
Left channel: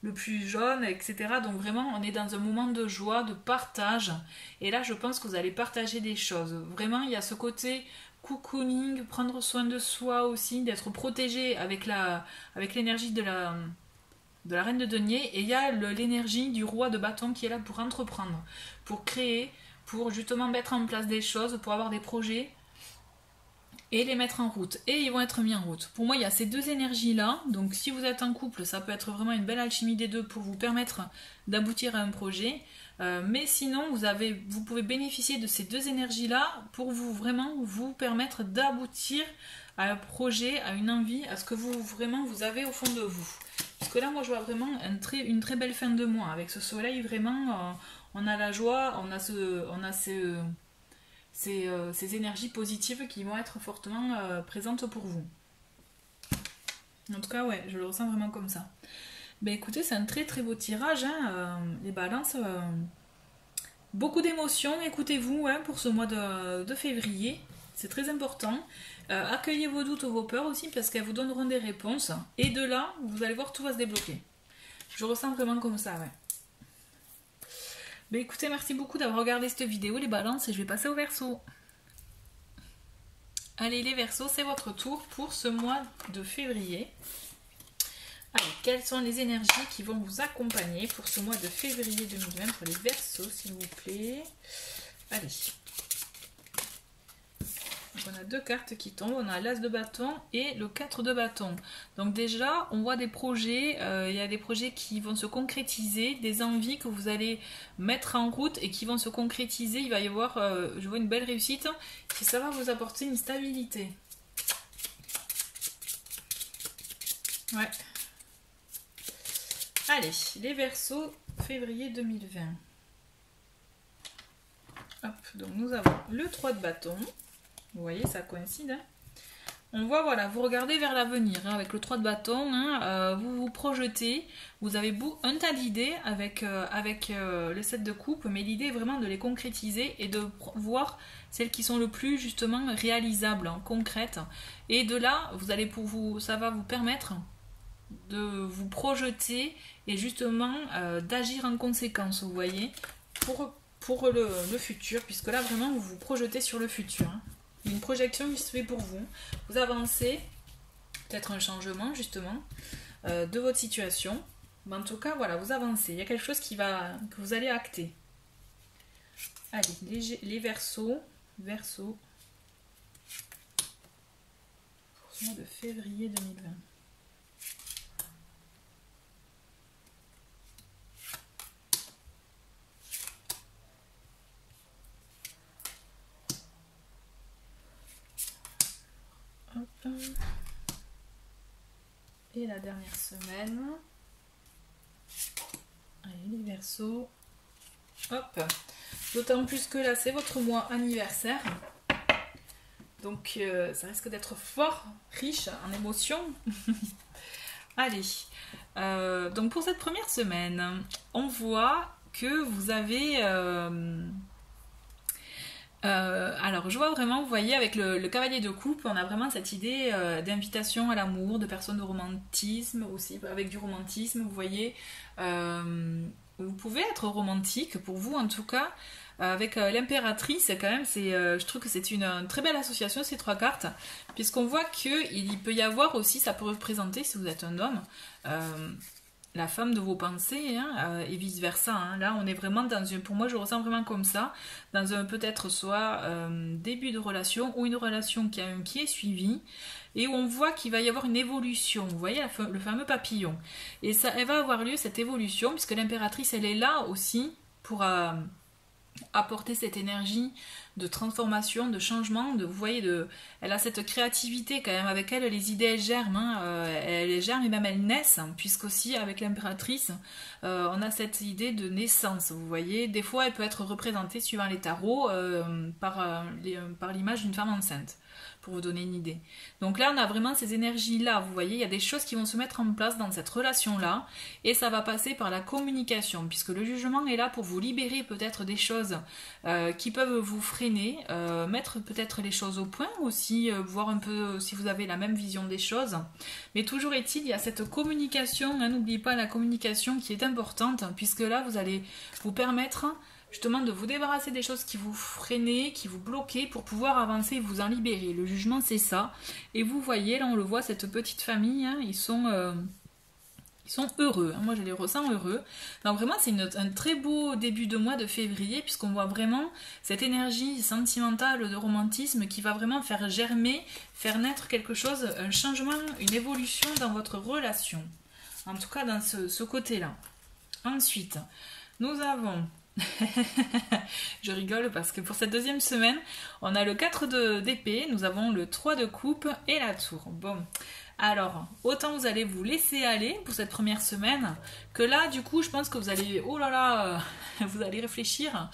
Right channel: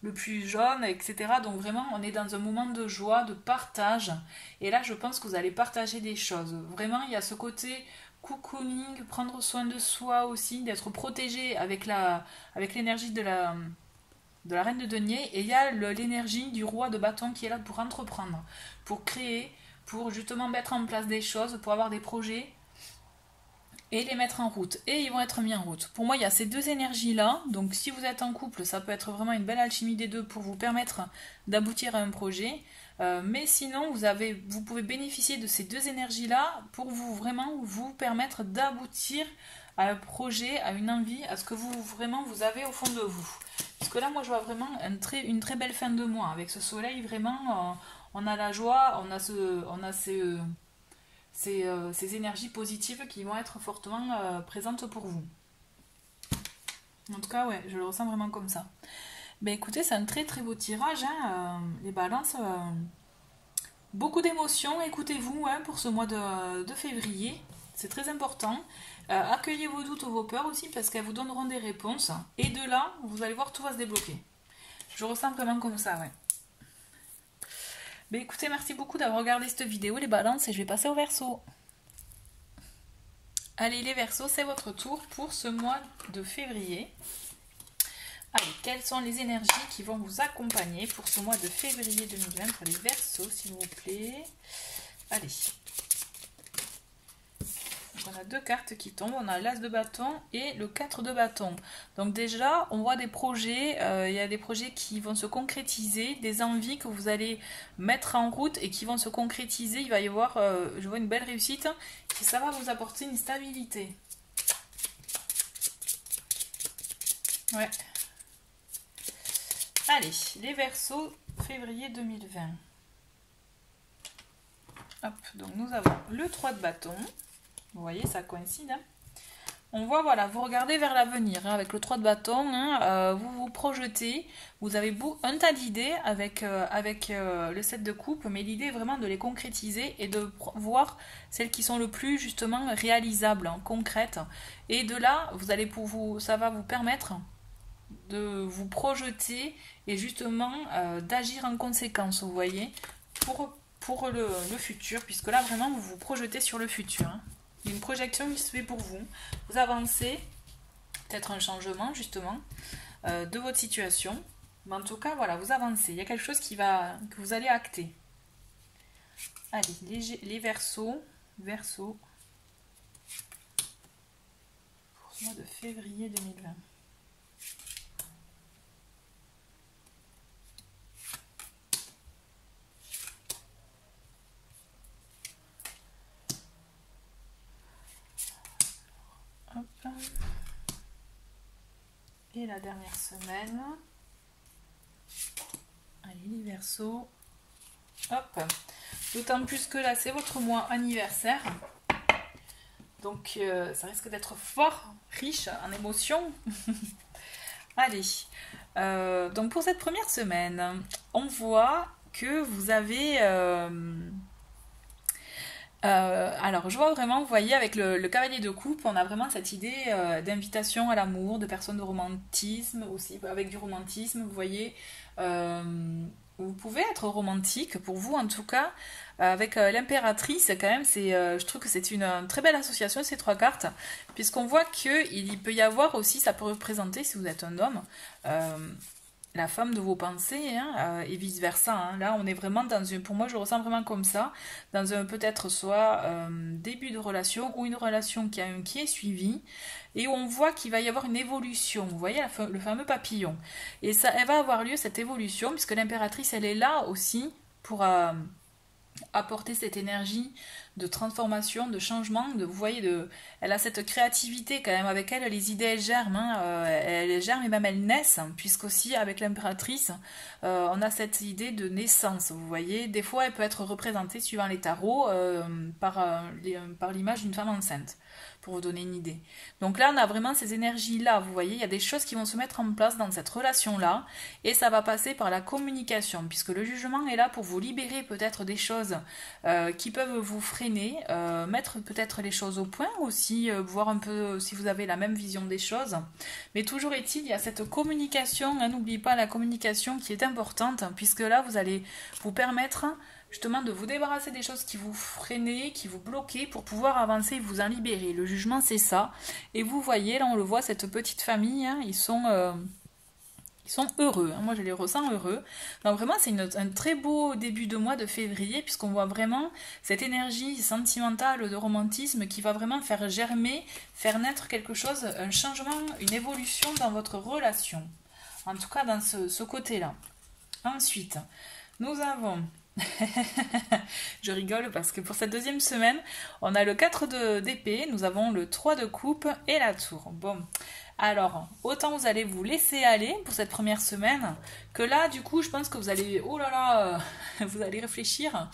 le plus jaune, etc. Donc vraiment, on est dans un moment de joie, de partage. Et là, je pense que vous allez partager des choses. Vraiment, il y a ce côté cocooning, prendre soin de soi aussi, d'être protégé avec l'énergie de la reine de denier. Et il y a l'énergie du roi de bâton qui est là pour entreprendre, pour créer, pour justement mettre en place des choses, pour avoir des projets et les mettre en route. Et ils vont être mis en route. Pour moi, il y a ces deux énergies-là. Donc, si vous êtes en couple, ça peut être vraiment une belle alchimie des deux pour vous permettre d'aboutir à un projet. Mais sinon, vous pouvez bénéficier de ces deux énergies-là pour vraiment vous permettre d'aboutir à un projet, à une envie, à ce que vous avez au fond de vous. Parce que là, moi, je vois vraiment une très belle fin de mois. Avec ce soleil, vraiment, on a la joie, on a ces énergies positives qui vont être fortement présentes pour vous. En tout cas, ouais, je le ressens vraiment comme ça. Ben écoutez, c'est un très très beau tirage, hein, les balances. Beaucoup d'émotions, écoutez-vous, hein, pour ce mois de février. C'est très important. Accueillez vos doutes, vos peurs aussi, parce qu'elles vous donneront des réponses. Et de là, vous allez voir, tout va se débloquer. Je ressens vraiment comme ça, ouais. Ben écoutez, merci beaucoup d'avoir regardé cette vidéo, les balances, et je vais passer au Verseau. Allez, les Verseaux, c'est votre tour pour ce mois de février. Allez, quelles sont les énergies qui vont vous accompagner pour ce mois de février 2020 pour les Verseaux, s'il vous plaît. Allez. Donc on a deux cartes qui tombent, on a l'As de bâton et le 4 de bâton. Donc déjà, on voit des projets, il y a des projets qui vont se concrétiser, des envies que vous allez mettre en route et qui vont se concrétiser. Il va y avoir, je vois une belle réussite, et ça va vous apporter une stabilité. Ouais. Allez, les Verseaux, février 2020. Hop, donc nous avons le 3 de bâton. Vous voyez, ça coïncide. Hein. On voit, voilà, vous regardez vers l'avenir hein, avec le 3 de bâton. Hein, vous vous projetez. Vous avez un tas d'idées avec le 7 de coupe. Mais l'idée est vraiment de les concrétiser et de voir celles qui sont le plus justement réalisables, hein, concrètes. Et de là, ça va vous permettre de vous projeter et justement d'agir en conséquence, vous voyez, pour le futur. Puisque là, vraiment, vous vous projetez sur le futur. Hein. Il y a une projection qui se fait pour vous. Vous avancez, peut-être un changement justement de votre situation. Mais en tout cas, voilà, vous avancez. Il y a quelque chose que vous allez acter. Allez, les Verseaux. Verseaux. Pour ce mois de février 2020. Et la dernière semaine. Allez, les Verseaux. Hop. D'autant plus que là, c'est votre mois anniversaire. Donc, ça risque d'être fort riche en émotions. Allez. Donc, pour cette première semaine, on voit que vous avez... alors je vois vraiment, vous voyez, avec le cavalier de coupe, on a vraiment cette idée d'invitation à l'amour, de personnes de romantisme aussi, avec du romantisme, vous voyez. Vous pouvez être romantique, pour vous en tout cas, avec l'impératrice, quand même, je trouve que c'est une très belle association, ces trois cartes, puisqu'on voit qu'il peut y avoir aussi, ça peut représenter, si vous êtes un homme, la femme de vos pensées, hein, et vice versa, hein. Là, on est vraiment dans une, pour moi, je ressens vraiment comme ça, dans un peut-être soit début de relation ou une relation qui est suivie et où on voit qu'il va y avoir une évolution. Vous voyez le fameux papillon. Et ça, elle va avoir lieu cette évolution puisque l'impératrice, elle est là aussi pour apporter cette énergie de transformation, de changement, vous voyez, elle a cette créativité quand même avec elle, les idées elles germent, hein, elles germent et même elles naissent, hein, puisqu'aussi avec l'impératrice, on a cette idée de naissance, vous voyez, des fois elle peut être représentée suivant les tarots par l'image d'une femme enceinte, pour vous donner une idée. Donc là on a vraiment ces énergies-là, vous voyez, il y a des choses qui vont se mettre en place dans cette relation-là, et ça va passer par la communication, puisque le jugement est là pour vous libérer peut-être des choses qui peuvent vous freiner, mettre peut-être les choses au point aussi, voir un peu si vous avez la même vision des choses. Mais toujours est-il, il y a cette communication, hein, n'oubliez pas la communication qui est importante, puisque là vous allez vous permettre justement de vous débarrasser des choses qui vous freinaient, qui vous bloquaient pour pouvoir avancer et vous en libérer. Le jugement c'est ça. Et vous voyez, là on le voit, cette petite famille, hein, ils sont heureux, hein. Moi je les ressens heureux. Donc vraiment c'est un très beau début de mois de février puisqu'on voit vraiment cette énergie sentimentale de romantisme qui va vraiment faire germer, faire naître quelque chose, un changement, une évolution dans votre relation. En tout cas dans ce côté-là. Ensuite, nous avons... Je rigole parce que pour cette deuxième semaine, on a le 4 d'épée, nous avons le 3 de coupe et la tour. Bon, alors, autant vous allez vous laisser aller pour cette première semaine, que là, du coup, je pense que vous allez, oh là là, vous allez réfléchir.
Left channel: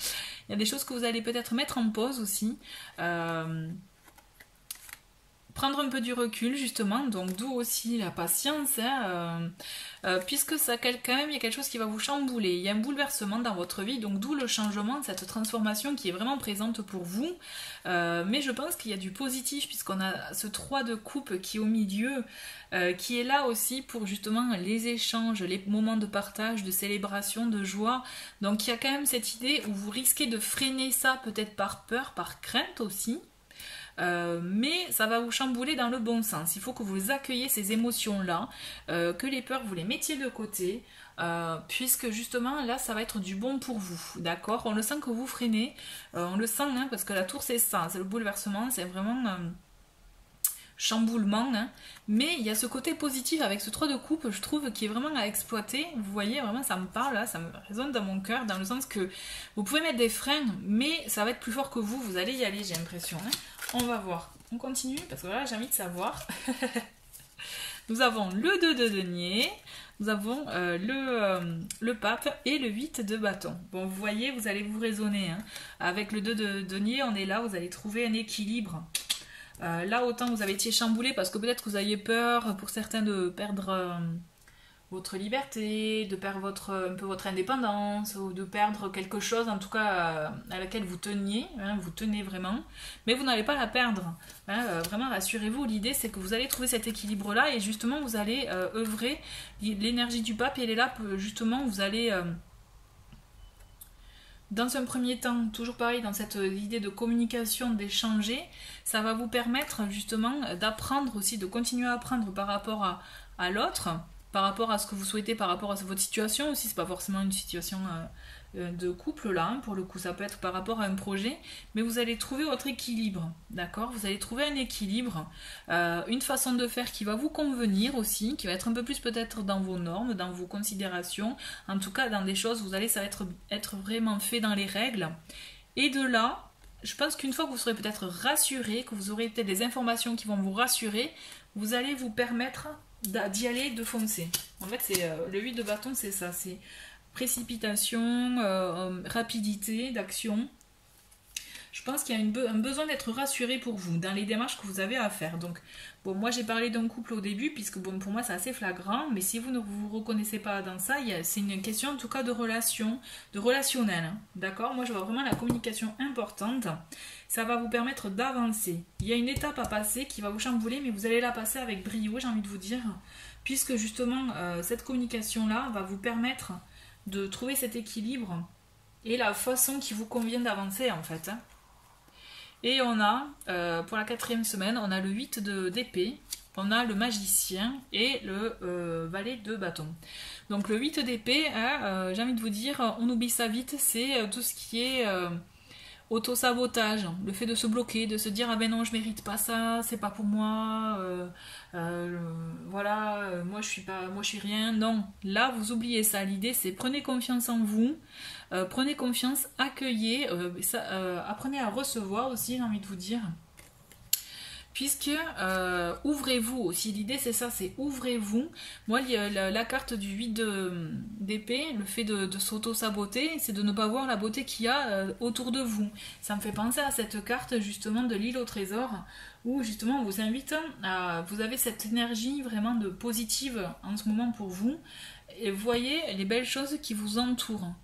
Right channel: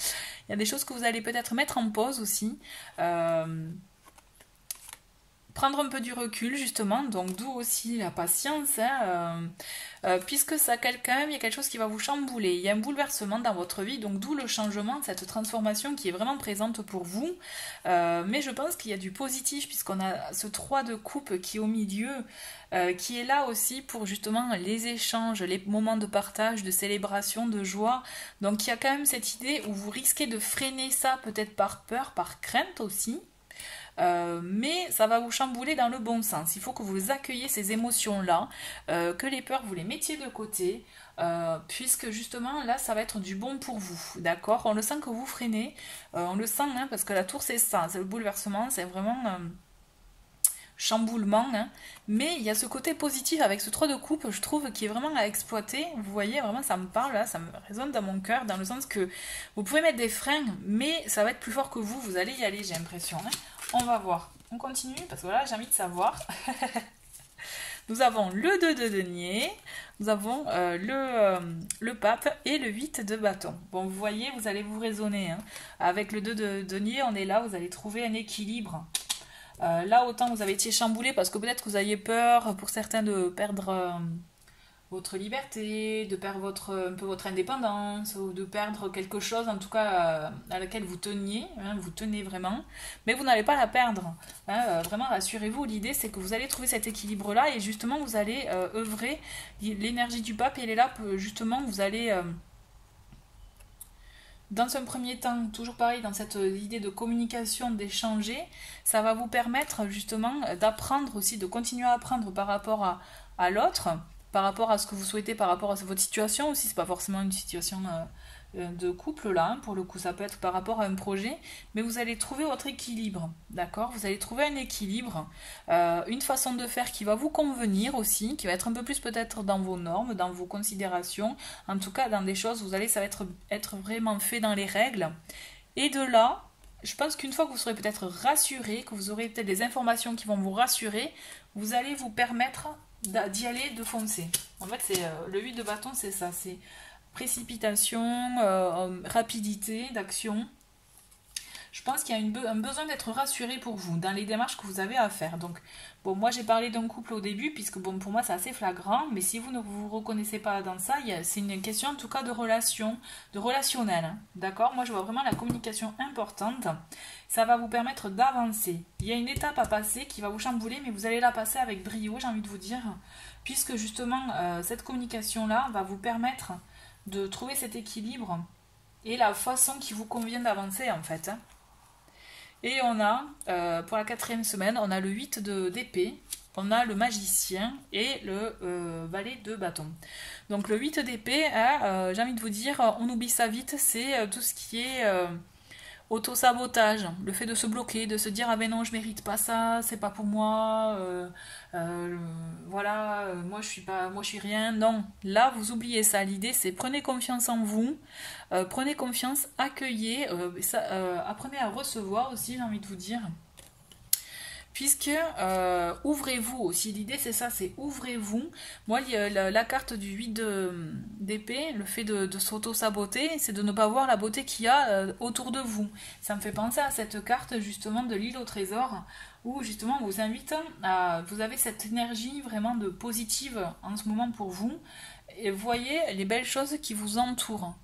Il y a des choses que vous allez peut-être mettre en pause aussi. Prendre un peu du recul justement, donc d'où aussi la patience, hein, puisque ça quand même, il y a quelque chose qui va vous chambouler, il y a un bouleversement dans votre vie, donc d'où le changement, cette transformation qui est vraiment présente pour vous, mais je pense qu'il y a du positif puisqu'on a ce 3 de coupe qui est au milieu, qui est là aussi pour justement les échanges, les moments de partage, de célébration, de joie, donc il y a quand même cette idée où vous risquez de freiner ça peut-être par peur, par crainte aussi. Mais ça va vous chambouler dans le bon sens. Il faut que vous accueilliez ces émotions-là, que les peurs vous les mettiez de côté, puisque justement là ça va être du bon pour vous, d'accord? On le sent que vous freinez, on le sent, hein, parce que la tour c'est ça, c'est le bouleversement, c'est vraiment chamboulement, hein. Mais il y a ce côté positif avec ce 3 de coupe, je trouve, qui est vraiment à exploiter. Vous voyez, vraiment ça me parle là, ça me résonne dans mon cœur, dans le sens que vous pouvez mettre des freins, mais ça va être plus fort que vous allez y aller, j'ai l'impression, hein. On va voir, on continue, parce que voilà, j'ai envie de savoir. Nous avons le 2 de denier, nous avons le pape et le 8 de bâton. Bon, vous voyez, vous allez vous raisonner, hein. Avec le 2 de denier, on est là, vous allez trouver un équilibre. Là, autant vous avez été chamboulé parce que peut-être que vous aviez peur pour certains de perdre votre liberté, de perdre un peu votre indépendance, ou de perdre quelque chose en tout cas à laquelle vous teniez, hein, vous tenez vraiment, mais vous n'allez pas la perdre, hein, vraiment rassurez-vous, l'idée c'est que vous allez trouver cet équilibre là et justement vous allez œuvrer, l'énergie du pape elle est là, justement vous allez dans un premier temps, toujours pareil, dans cette idée de communication, d'échanger, ça va vous permettre justement d'apprendre aussi, de continuer à apprendre par rapport à l'autre, par rapport à ce que vous souhaitez, par rapport à votre situation aussi, c'est pas forcément une situation de couple là, hein, pour le coup ça peut être par rapport à un projet, mais vous allez trouver votre équilibre, d'accord? Vous allez trouver un équilibre, une façon de faire qui va vous convenir aussi, qui va être un peu plus peut-être dans vos normes, dans vos considérations, en tout cas dans des choses, ça va être vraiment fait dans les règles, et de là, je pense qu'une fois que vous serez peut-être rassuré, que vous aurez peut-être des informations qui vont vous rassurer, vous allez vous permettre d'y aller, de foncer. En fait, c'est le 8 de bâton, c'est ça, c'est précipitation, rapidité d'action. Je pense qu'il y a un besoin d'être rassuré pour vous dans les démarches que vous avez à faire. Donc, bon, moi j'ai parlé d'un couple au début, puisque bon, pour moi c'est assez flagrant, mais si vous ne vous reconnaissez pas dans ça, c'est une question en tout cas de relation, de relationnel, hein, d'accord? Moi je vois vraiment la communication importante, ça va vous permettre d'avancer. Il y a une étape à passer qui va vous chambouler, mais vous allez la passer avec brio, j'ai envie de vous dire, puisque justement cette communication-là va vous permettre de trouver cet équilibre et la façon qui vous convient d'avancer en fait, hein. Et on a, pour la 4e semaine, on a le 8 d'épée, on a le magicien et le valet de bâton. Donc le 8 d'épée, j'ai envie de vous dire, on oublie ça vite, c'est tout ce qui est auto-sabotage, le fait de se bloquer, de se dire ah ben non je mérite pas ça, c'est pas pour moi, voilà, moi je suis rien. Non, là vous oubliez ça. L'idée c'est prenez confiance en vous, prenez confiance, accueillez, apprenez à recevoir aussi, j'ai envie de vous dire. Puisque ouvrez-vous aussi, l'idée c'est ça, c'est ouvrez-vous. Moi, il y a la carte du 8 d'épée, le fait de s'auto-saboter, c'est de ne pas voir la beauté qu'il y a autour de vous. Ça me fait penser à cette carte justement de l'île au trésor, où justement on vous invite vous avez cette énergie vraiment de positive en ce moment pour vous, et voyez les belles choses qui vous entourent.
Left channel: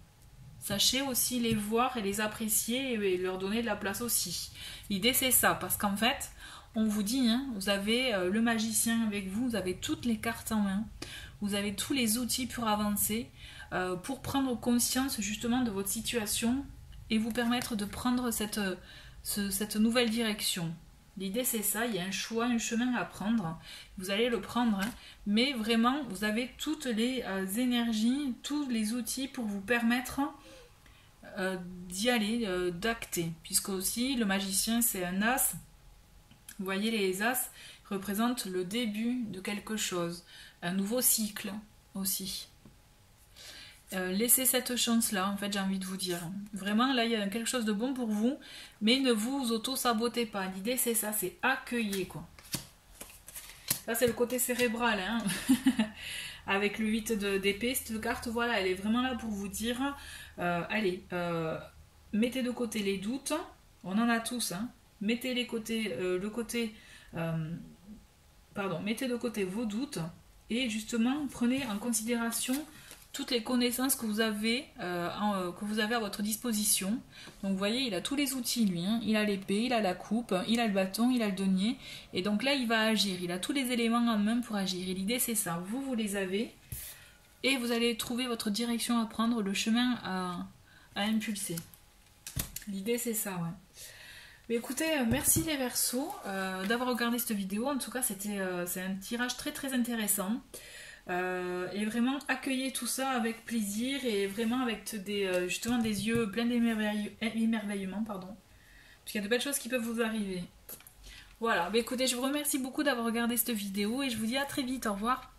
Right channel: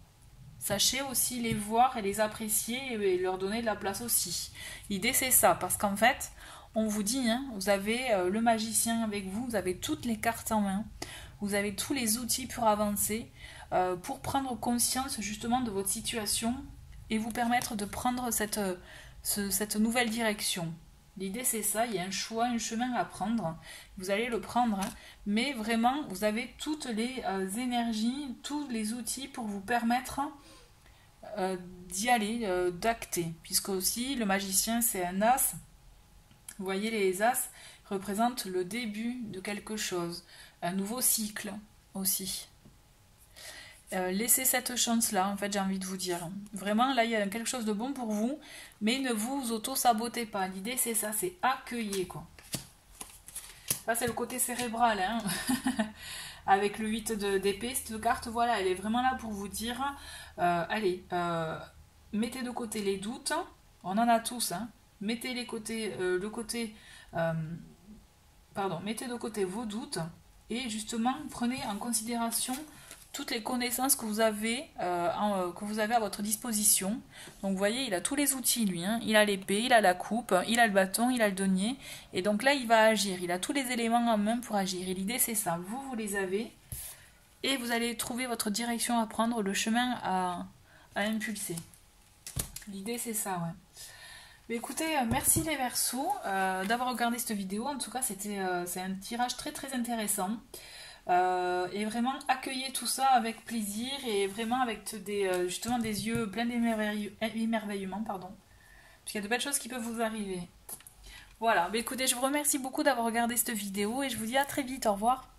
Sachez aussi les voir et les apprécier et leur donner de la place aussi. L'idée c'est ça, parce qu'en fait, on vous dit, hein, vous avez le magicien avec vous, vous avez toutes les cartes en main, vous avez tous les outils pour avancer, pour prendre conscience justement de votre situation et vous permettre de prendre cette nouvelle direction. L'idée c'est ça, il y a un choix, un chemin à prendre, vous allez le prendre, hein, mais vraiment vous avez toutes les énergies, tous les outils pour vous permettre d'y aller, d'acter, puisque aussi le magicien c'est un as. Vous voyez, les as représentent le début de quelque chose, un nouveau cycle aussi. Laissez cette chance-là, en fait, j'ai envie de vous dire. Vraiment, là, il y a quelque chose de bon pour vous, mais ne vous auto-sabotez pas. L'idée, c'est ça, c'est accueillir, quoi. Ça, c'est le côté cérébral, hein. Avec le 8 d'épée, cette carte, voilà, elle est vraiment là pour vous dire, allez, mettez de côté les doutes, on en a tous, hein. Mettez de côté vos doutes et justement prenez en considération toutes les connaissances que vous avez à votre disposition. Donc vous voyez, il a tous les outils lui, hein. Il a l'épée, il a la coupe, il a le bâton, il a le denier, et donc là il va agir, il a tous les éléments en main pour agir. Et l'idée c'est ça, vous les avez et vous allez trouver votre direction à prendre, le chemin à impulser. L'idée c'est ça, ouais. Mais écoutez, merci les Verseaux d'avoir regardé cette vidéo. En tout cas, c'est un tirage très très intéressant. Et vraiment, accueillez tout ça avec plaisir et vraiment avec justement des yeux pleins d'émerveillement, pardon. Parce qu'il y a de belles choses qui peuvent vous arriver. Voilà, mais écoutez, je vous remercie beaucoup d'avoir regardé cette vidéo et je vous dis à très vite. Au revoir.